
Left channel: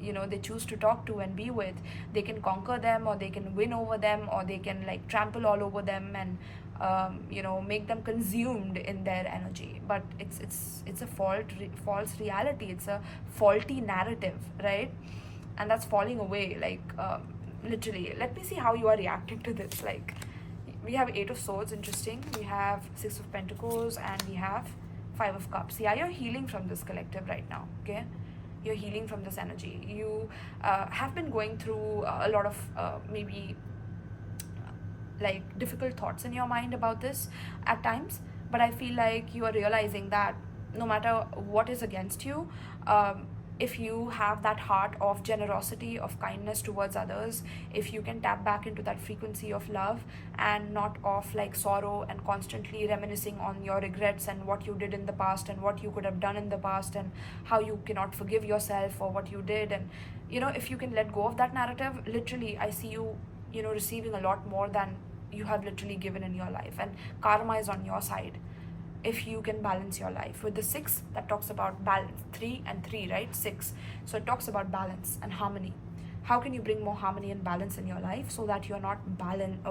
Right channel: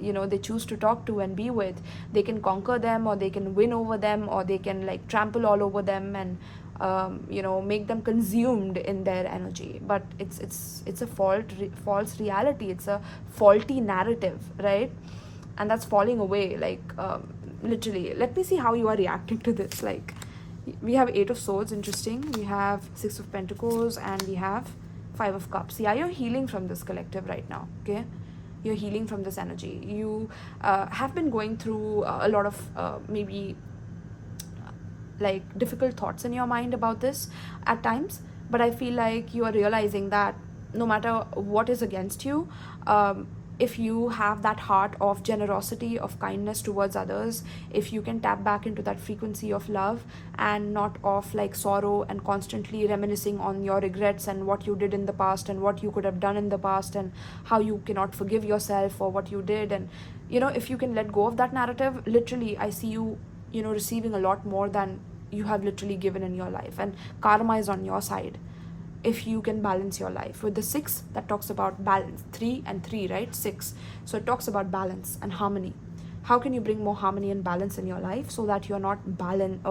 you know, they choose to talk to and be with, they can conquer them, or they can win over them, or they can like trample all over them and you know, make them consumed in their energy. But it's a false reality. It's a faulty narrative, right? And that's falling away, like literally. Let me see how you are reacting to this. Like we have 8 of Swords, interesting. We have 6 of Pentacles, and we have 5 of Cups. Yeah, you're healing from this collective right now, okay? You're healing from this energy. You have been going through a lot of maybe like difficult thoughts in your mind about this at times, but I feel like you are realizing that no matter what is against you, if you have that heart of generosity, of kindness towards others, if you can tap back into that frequency of love and not of like sorrow and constantly reminiscing on your regrets and what you did in the past and what you could have done in the past and how you cannot forgive yourself for what you did, and you know, if you can let go of that narrative, literally I see you, you know, receiving a lot more than you have literally given in your life, and karma is on your side if you can balance your life. With the 6, that talks about balance. 3 and 3, right? 6. So it talks about balance and harmony. How can you bring more harmony and balance in your life so that you're not imbalanced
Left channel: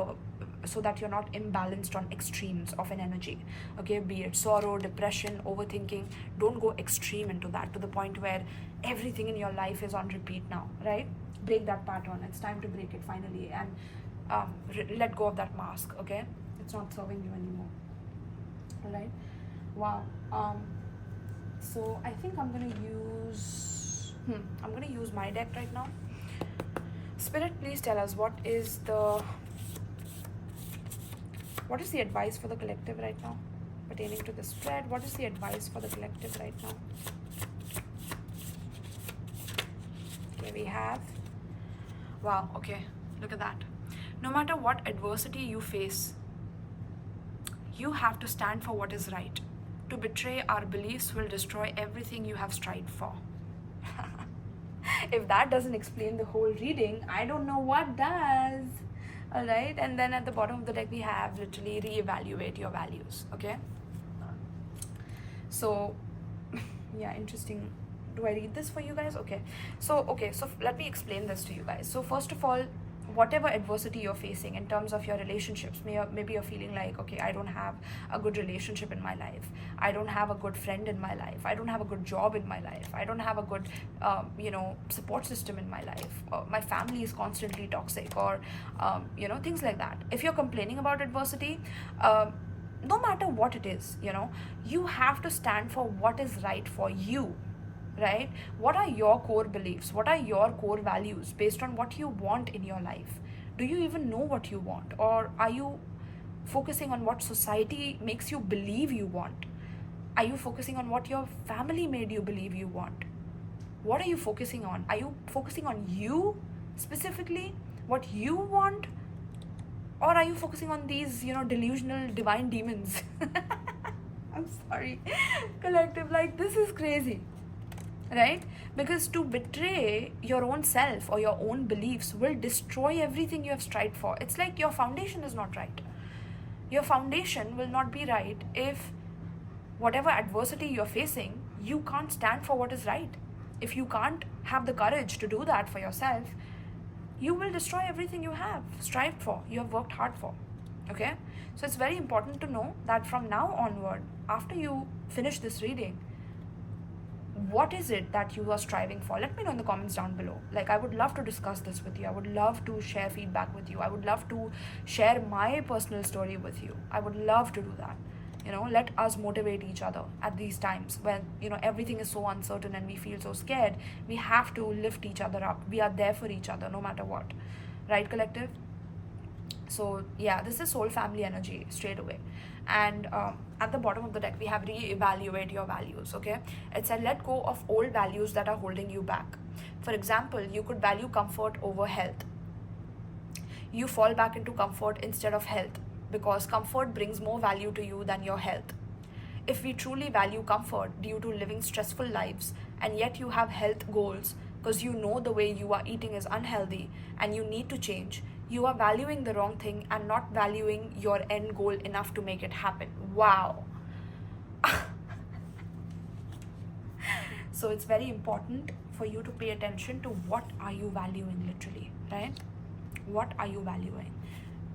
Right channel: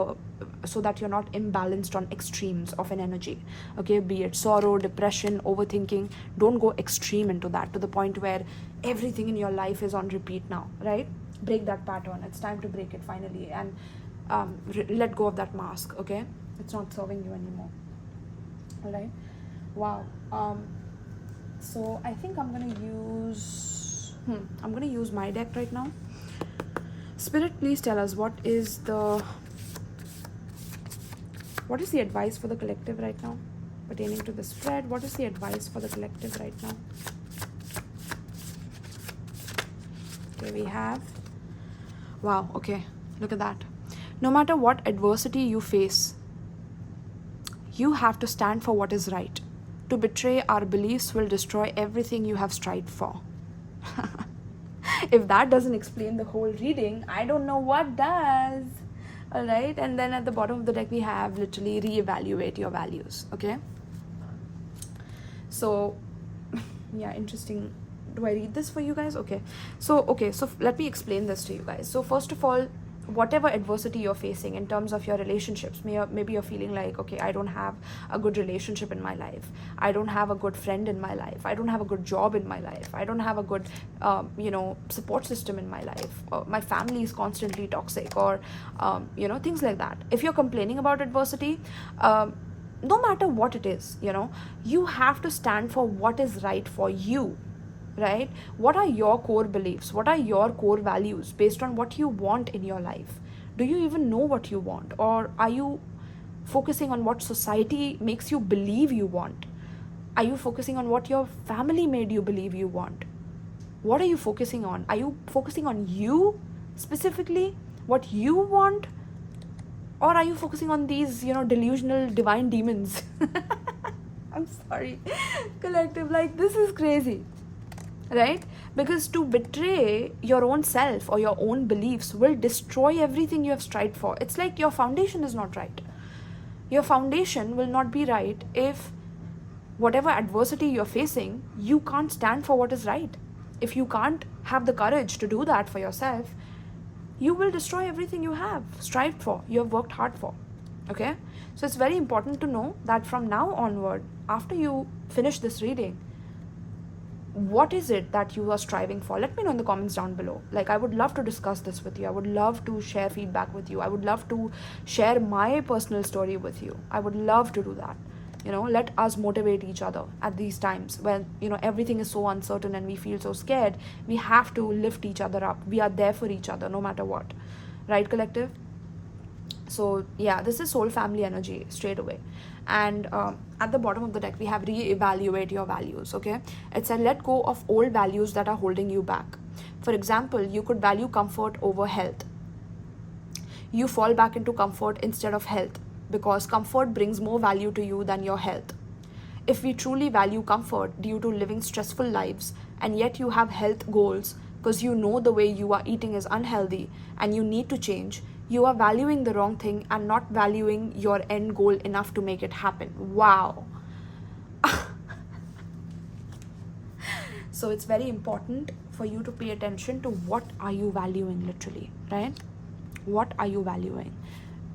on extremes of an energy? Okay, be it sorrow, depression, overthinking. Don't go extreme into that to the point where everything in your life is on repeat now, right? Break that pattern. It's time to break it finally, and let go of that mask. Okay, it's not serving you anymore. All right. Wow. So I think I'm gonna use my deck right now. Spirit, please tell us what is the advice for the collective right now pertaining to the spread. What is the advice for the collective right now? Okay, we have, wow, okay, look at that. No matter what adversity you face, you have to stand for what is right. To betray our beliefs will destroy everything you have strived for. If that doesn't explain the whole reading, I don't know what does. All right, and then at the bottom of the deck we have literally reevaluate your values. Okay, so yeah, interesting. Do I read this for you guys? Okay, so let me explain this to you guys. So first of all, whatever adversity you're facing in terms of your relationships, maybe you're feeling like, okay, I don't have a good relationship in my life, I don't have a good friend in my life, I don't have a good job in my life, I don't have a good you know, support system in my life, my family is constantly toxic, or you know, things like that. If you're complaining about adversity, no matter what it is, you know, you have to stand for what is right for you. Right? What are your core beliefs? What are your core values based on what you want in your life? Do you even know what you want? Or are you focusing on what society makes you believe you want? Are you focusing on what your family made you believe you want? What are you focusing on? Are you focusing on you specifically, what you want? Or are you focusing on these, you know, delusional divine demons? I'm sorry, collective, like this is crazy. Right? Because to betray your own self or your own beliefs will destroy everything you have strived for. It's like your foundation is not right. Your foundation will not be right if whatever adversity you're facing, you can't stand for what is right. If you can't have the courage to do that for yourself, you will destroy everything you have strived for, you have worked hard for. Okay, so it's very important to know that from now onward, after you finish this reading, what is it that you are striving for? Let me know in the comments down below. Like, I would love to discuss this with you. I would love to share feedback with you. I would love to share my personal story with you. I would love to do that. You know, let us motivate each other at these times when, you know, everything is so uncertain and we feel so scared. We have to lift each other up. We are there for each other no matter what. Right, collective? So yeah, this is soul family energy straight away. And at the bottom of the deck, we have reevaluate your values. Okay, it's a let go of old values that are holding you back. For example, you could value comfort over health. You fall back into comfort instead of health because comfort brings more value to you than your health. If we truly value comfort due to living stressful lives, and yet you have health goals because you know the way you are eating is unhealthy and you need to change, you are valuing the wrong thing and not valuing your end goal enough to make it happen. Wow. So it's very important for you to pay attention to what are you valuing, literally, right? What are you valuing?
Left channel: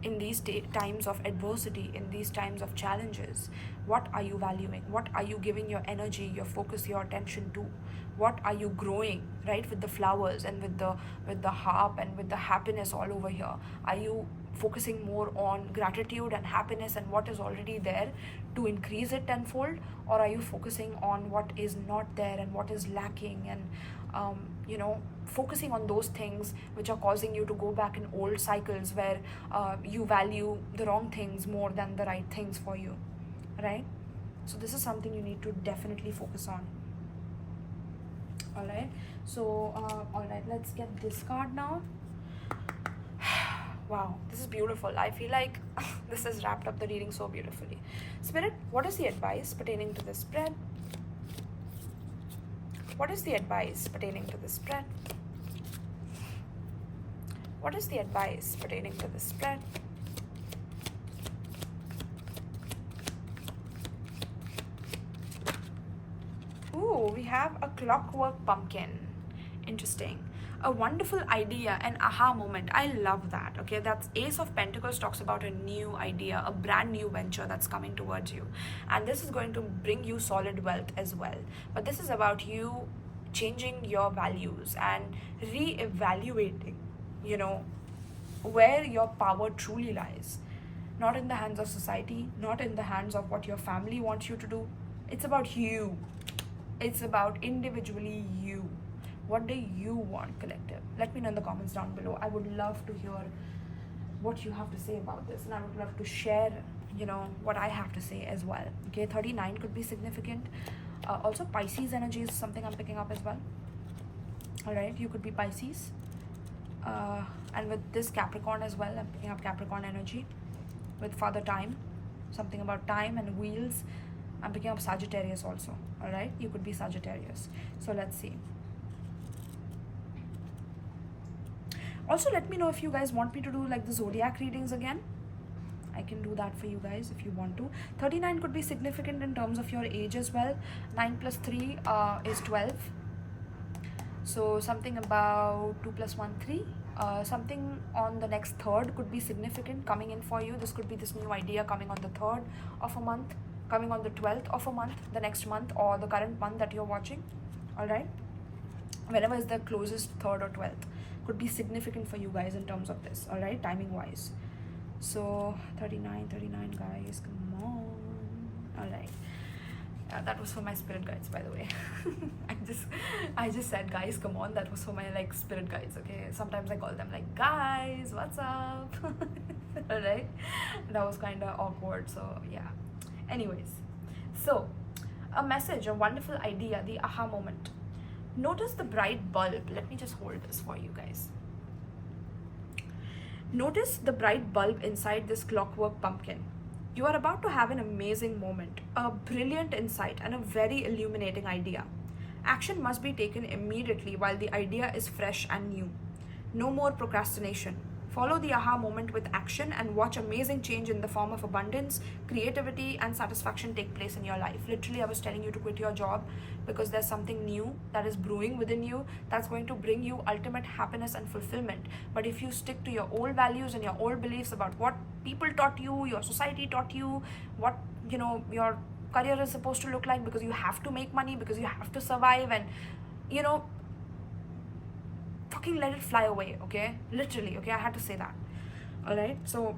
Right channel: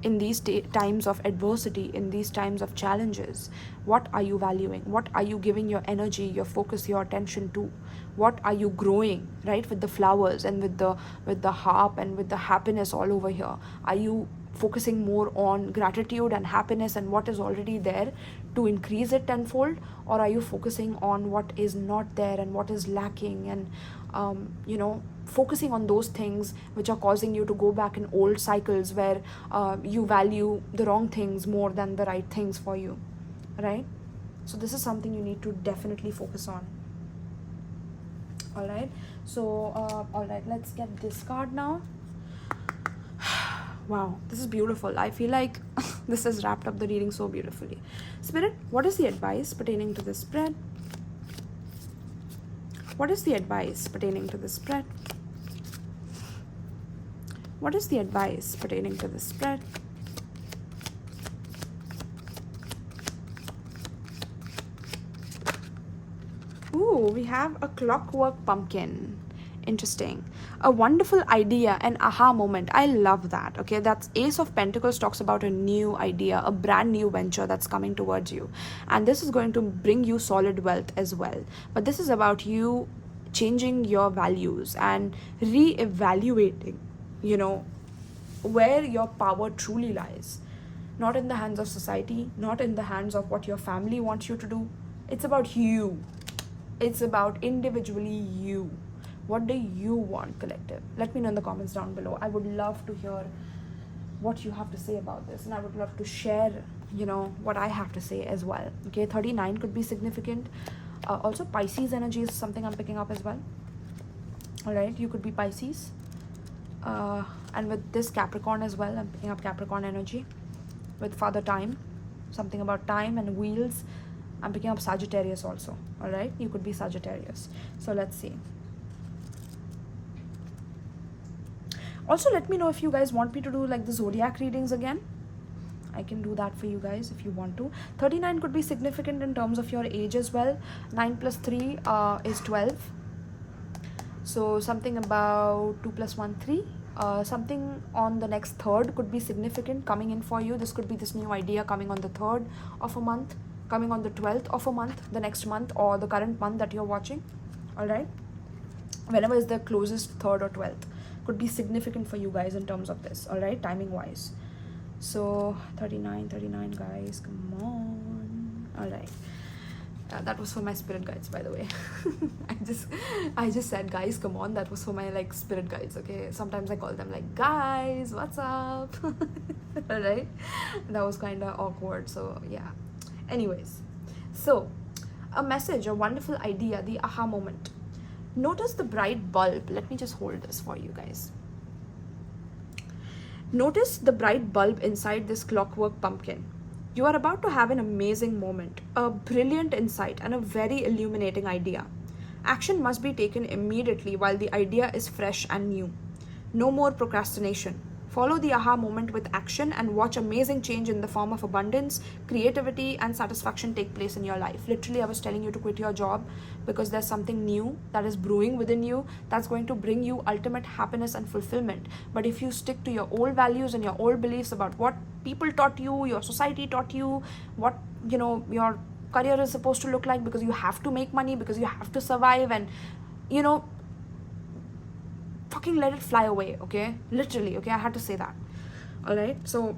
In these times of adversity, in these times of challenges, what are you valuing? What are you giving your energy, your focus, your attention to? What are you growing, right? With the flowers and with the harp and with the happiness all over here. Are you focusing more on gratitude and happiness and what is already there to increase it tenfold? Or are you focusing on what is not there and what is lacking and focusing on those things which are causing you to go back in old cycles where you value the wrong things more than the right things for you, right? So this is something you need to definitely focus on. All right, so all right, let's get this card now. Wow, this is beautiful. I feel like this has wrapped up the reading so beautifully. Spirit, what is the advice pertaining to this spread? What is the advice pertaining to this spread? What is the advice pertaining to this spread? Ooh, we have a clockwork pumpkin. Interesting. A wonderful idea, an aha moment. I love that. Okay, that's Ace of Pentacles talks about a new idea, a brand new venture that's coming towards you. And this is going to bring you solid wealth as well. But this is about you changing your values and re-evaluating, where your power truly lies. Not in the hands of society, not in the hands of what your family wants you to do. It's about you. It's about individually you. What do you want, collective? Let me know in the comments down below. I would love to hear what you have to say about this, and I would love to share, what I have to say as well. Okay, 39 could be significant. Also, Pisces energy is something I'm picking up as well. All right, you could be Pisces. And with this Capricorn as well, I'm picking up Capricorn energy. With Father Time, something about time and wheels. I'm picking up Sagittarius also. All right, you could be Sagittarius. So let's see. Also, let me know if you guys want me to do like the zodiac readings again. I can do that for you guys if you want to. 39 could be significant in terms of your age as well. 9 plus 3 is 12. So something about 2 plus 1, 3. Something on the next 3rd could be significant coming in for you. This could be this new idea coming on the 3rd of a month, coming on the 12th of a month, the next month or the current month that you're watching. All right, whenever is the closest 3rd or 12th could be significant for you guys in terms of this. All right, timing wise. So 39 guys, come on. All right, that was for my spirit guides, by the way. I just said guys, come on. That was for my spirit guides. Okay, sometimes I call them guys, what's up? All right, that was kind of awkward, so yeah. Anyways, so a message, a wonderful idea, the aha moment. Notice the bright bulb. Let me just hold this for you guys. Notice the bright bulb inside this clockwork pumpkin. You are about to have an amazing moment, a brilliant insight, and a very illuminating idea. Action must be taken immediately while the idea is fresh and new. No more procrastination. Follow the aha moment with action and watch amazing change in the form of abundance, creativity, and satisfaction take place in your life. Literally, I was telling you to quit your job because there's something new that is brewing within you that's going to bring you ultimate happiness and fulfillment. But if you stick to your old values and your old beliefs about what people taught you, your society taught you, what, your career is supposed to look like, because you have to make money, because you have to survive, and fucking let it fly away, okay? Literally, okay? I had to say that. All right? So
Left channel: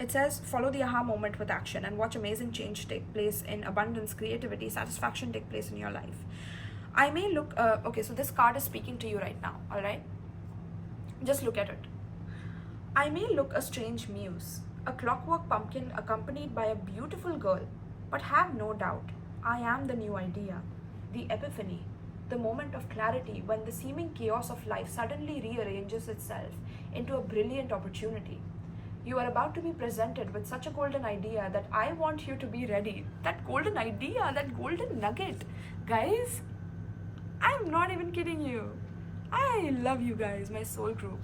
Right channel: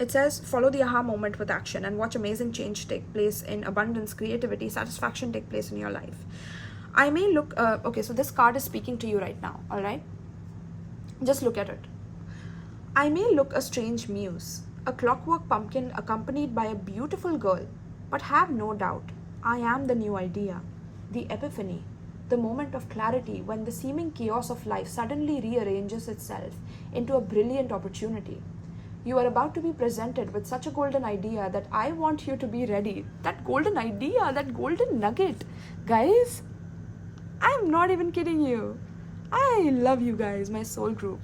it says, follow the aha moment with action and watch amazing change take place in abundance, creativity, satisfaction take place in your life. I may look, okay, so this card is speaking to you right now, all right? Just look at it. I may look a strange muse, a clockwork pumpkin accompanied by a beautiful girl, but have no doubt, I am the new idea, the epiphany, the moment of clarity when the seeming chaos of life suddenly rearranges itself into a brilliant opportunity. You are about to be presented with such a golden idea that I want you to be ready. That golden idea, that golden nugget. Guys, I'm not even kidding you. I love you guys, my soul group.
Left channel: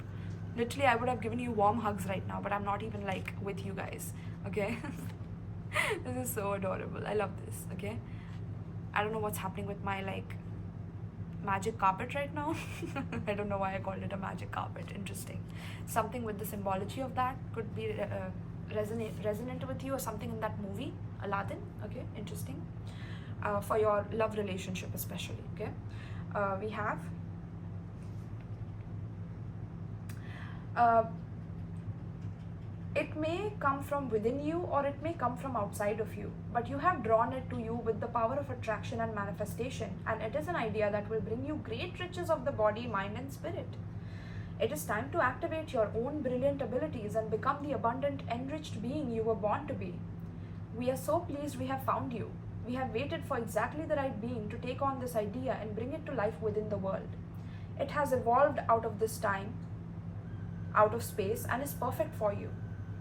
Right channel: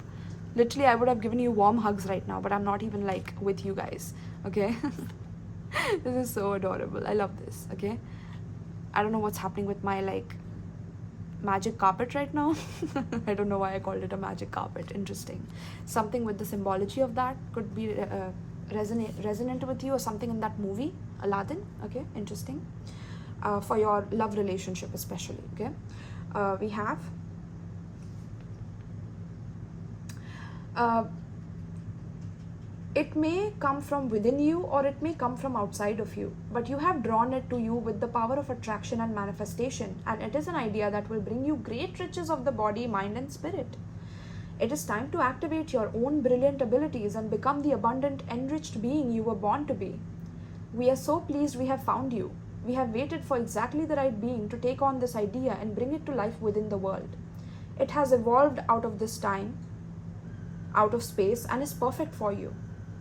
Literally, I would have given you warm hugs right now, but I'm not even like with you guys, okay? This is so adorable. I love this, okay? I don't know what's happening with my like magic carpet right now. I don't know why I called it a magic carpet. Interesting. Something with the symbology of that could be resonant with you, or something in that movie, Aladdin. Okay, interesting. For your love relationship especially, okay? We have it may come from within you or it may come from outside of you, but you have drawn it to you with the power of attraction and manifestation, and it is an idea that will bring you great riches of the body, mind, and spirit. It is time to activate your own brilliant abilities and become the abundant, enriched being you were born to be. We are so pleased we have found you. We have waited for exactly the right being to take on this idea and bring it to life within the world. It has evolved out of this time, out of space, and is perfect for you.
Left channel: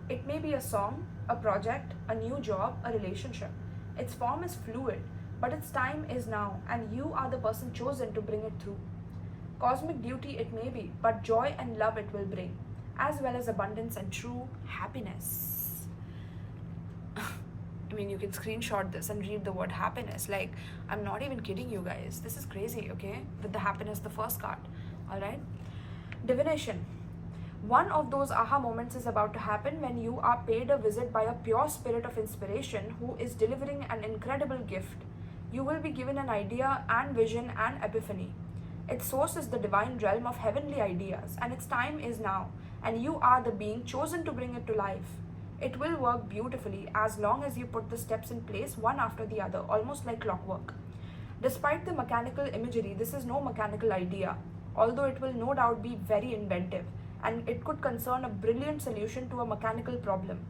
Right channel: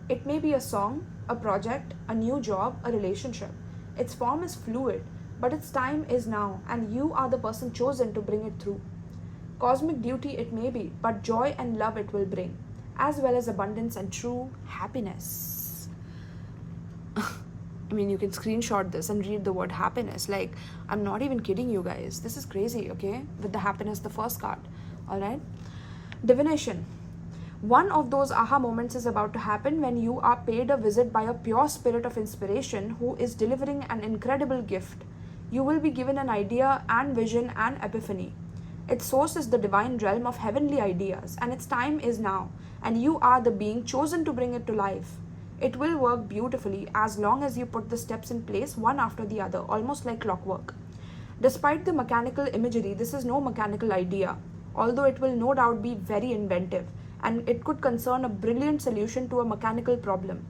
It may be a song, a project, a new job, a relationship. Its form is fluid, but its time is now, and you are the person chosen to bring it through. Cosmic beauty it may be, but joy and love it will bring, as well as abundance and true happiness. I mean, you can screenshot this and read the word happiness. Like, I'm not even kidding you guys. This is crazy, okay? With the happiness, the first card, all right? Divination. One of those aha moments is about to happen when you are paid a visit by a pure spirit of inspiration who is delivering an incredible gift. You will be given an idea and vision and epiphany. Its source is the divine realm of heavenly ideas, and its time is now, and you are the being chosen to bring it to life. It will work beautifully as long as you put the steps in place one after the other, almost like clockwork. Despite the mechanical imagery, this is no mechanical idea, although it will no doubt be very inventive, and it could concern a brilliant solution to a mechanical problem.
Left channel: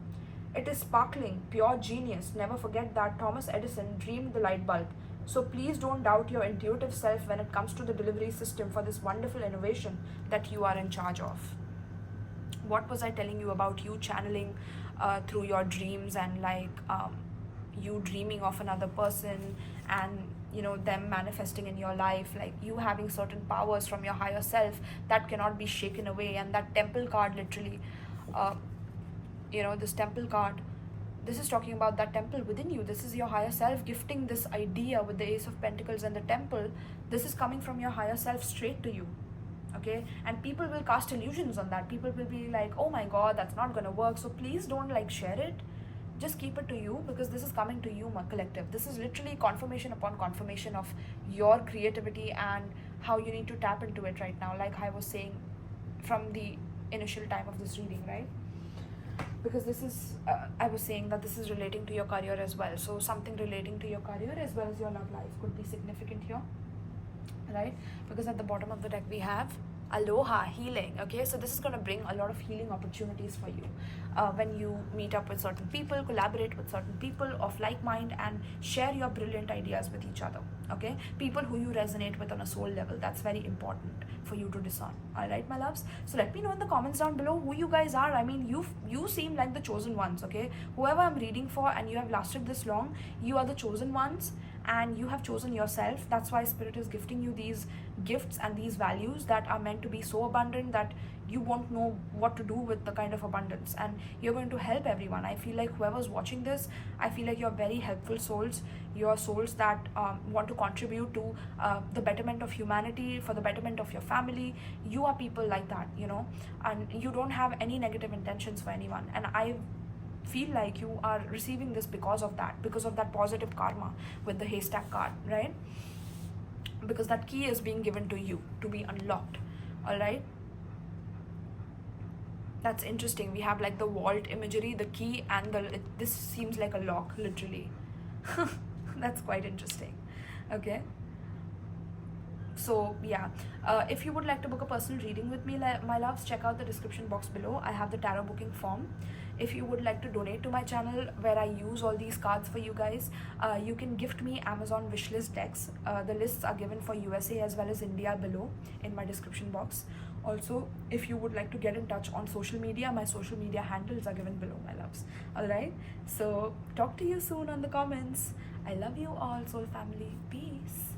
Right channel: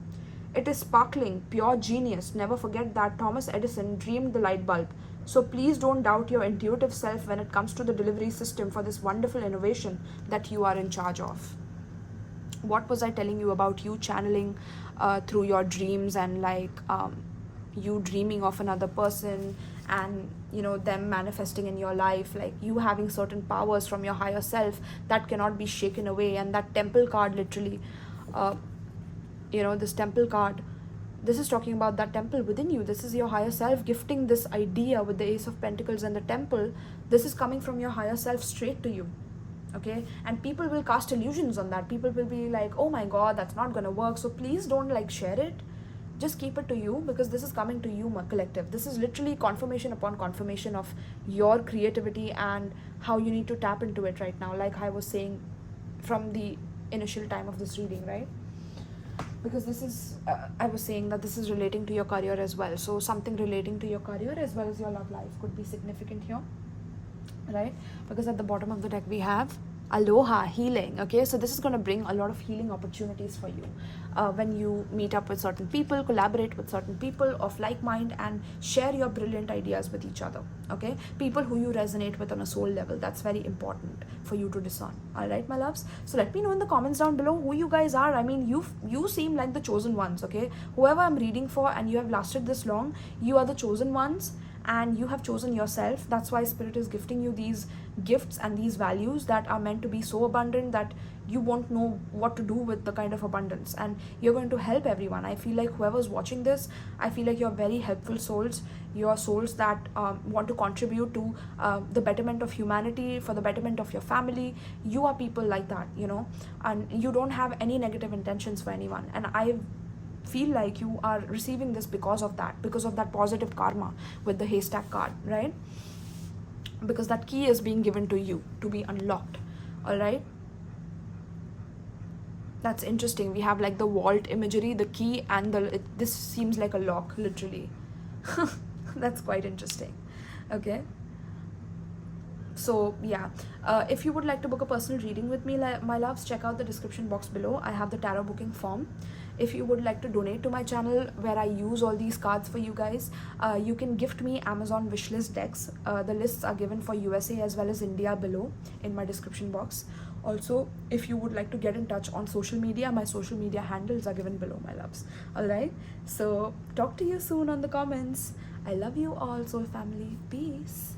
It is sparkling, pure genius. Never forget that Thomas Edison dreamed the light bulb. So please don't doubt your intuitive self when it comes to the delivery system for this wonderful innovation that you are in charge of. What was I telling you about you channeling through your dreams, and like you dreaming of another person, and them manifesting in your life, like you having certain powers from your higher self that cannot be shaken away. And that temple card, literally, this temple card, this is talking about that temple within you. This is your higher self gifting this idea with the Ace of Pentacles and the temple. This is coming from your higher self straight to you, okay? And people will cast illusions on that. People will be like, oh my god, that's not gonna work. So please don't like share it. Just keep it to you, because this is coming to you, collective. This is literally confirmation upon confirmation of your creativity and how you need to tap into it right now, like I was saying from the initial time of this reading, right? Because this is, I was saying that this is relating to your career as well. So something relating to your career as well as your love life could be significant here, right? Because at the bottom of the deck we have aloha, healing, okay? So this is going to bring a lot of healing opportunities for you when you meet up with certain people, collaborate with certain people of like mind, and share your brilliant ideas with each other, okay? People who you resonate with on a soul level. That's very important for you to discern, all right, my loves? So let me know in the comments down below who you guys are. I mean, you seem like the chosen ones, okay? Whoever I'm reading for and you have lasted this long, you are the chosen ones. and you have chosen yourself. That's why spirit is gifting you these gifts and these values that are meant to be so abundant that you won't know what to do with the kind of abundance, and you're going to help everyone. I feel like whoever's watching this, I feel like you're very helpful souls. You are souls that want to contribute to the betterment of humanity, for the betterment of your family. You are people like that, you know, and you don't have any negative intentions for anyone, and I feel like you are receiving this because of that positive karma with the haystack card, right? Because that key is being given to you to be unlocked. All right, that's interesting. We have like the vault imagery, the key, and this seems like a lock, literally. That's quite interesting. Okay, so yeah, if you would like to book a personal reading with me, my loves, check out the description box below. I have the tarot booking form. If you would like to donate to my channel where I use all these cards for you guys, you can gift me Amazon wishlist decks. The lists are given for USA as well as India below in my description box. Also, if you would like to get in touch on social media, my social media handles are given below, my loves. Alright, so talk to you soon on the comments. I love you all, soul family. Peace.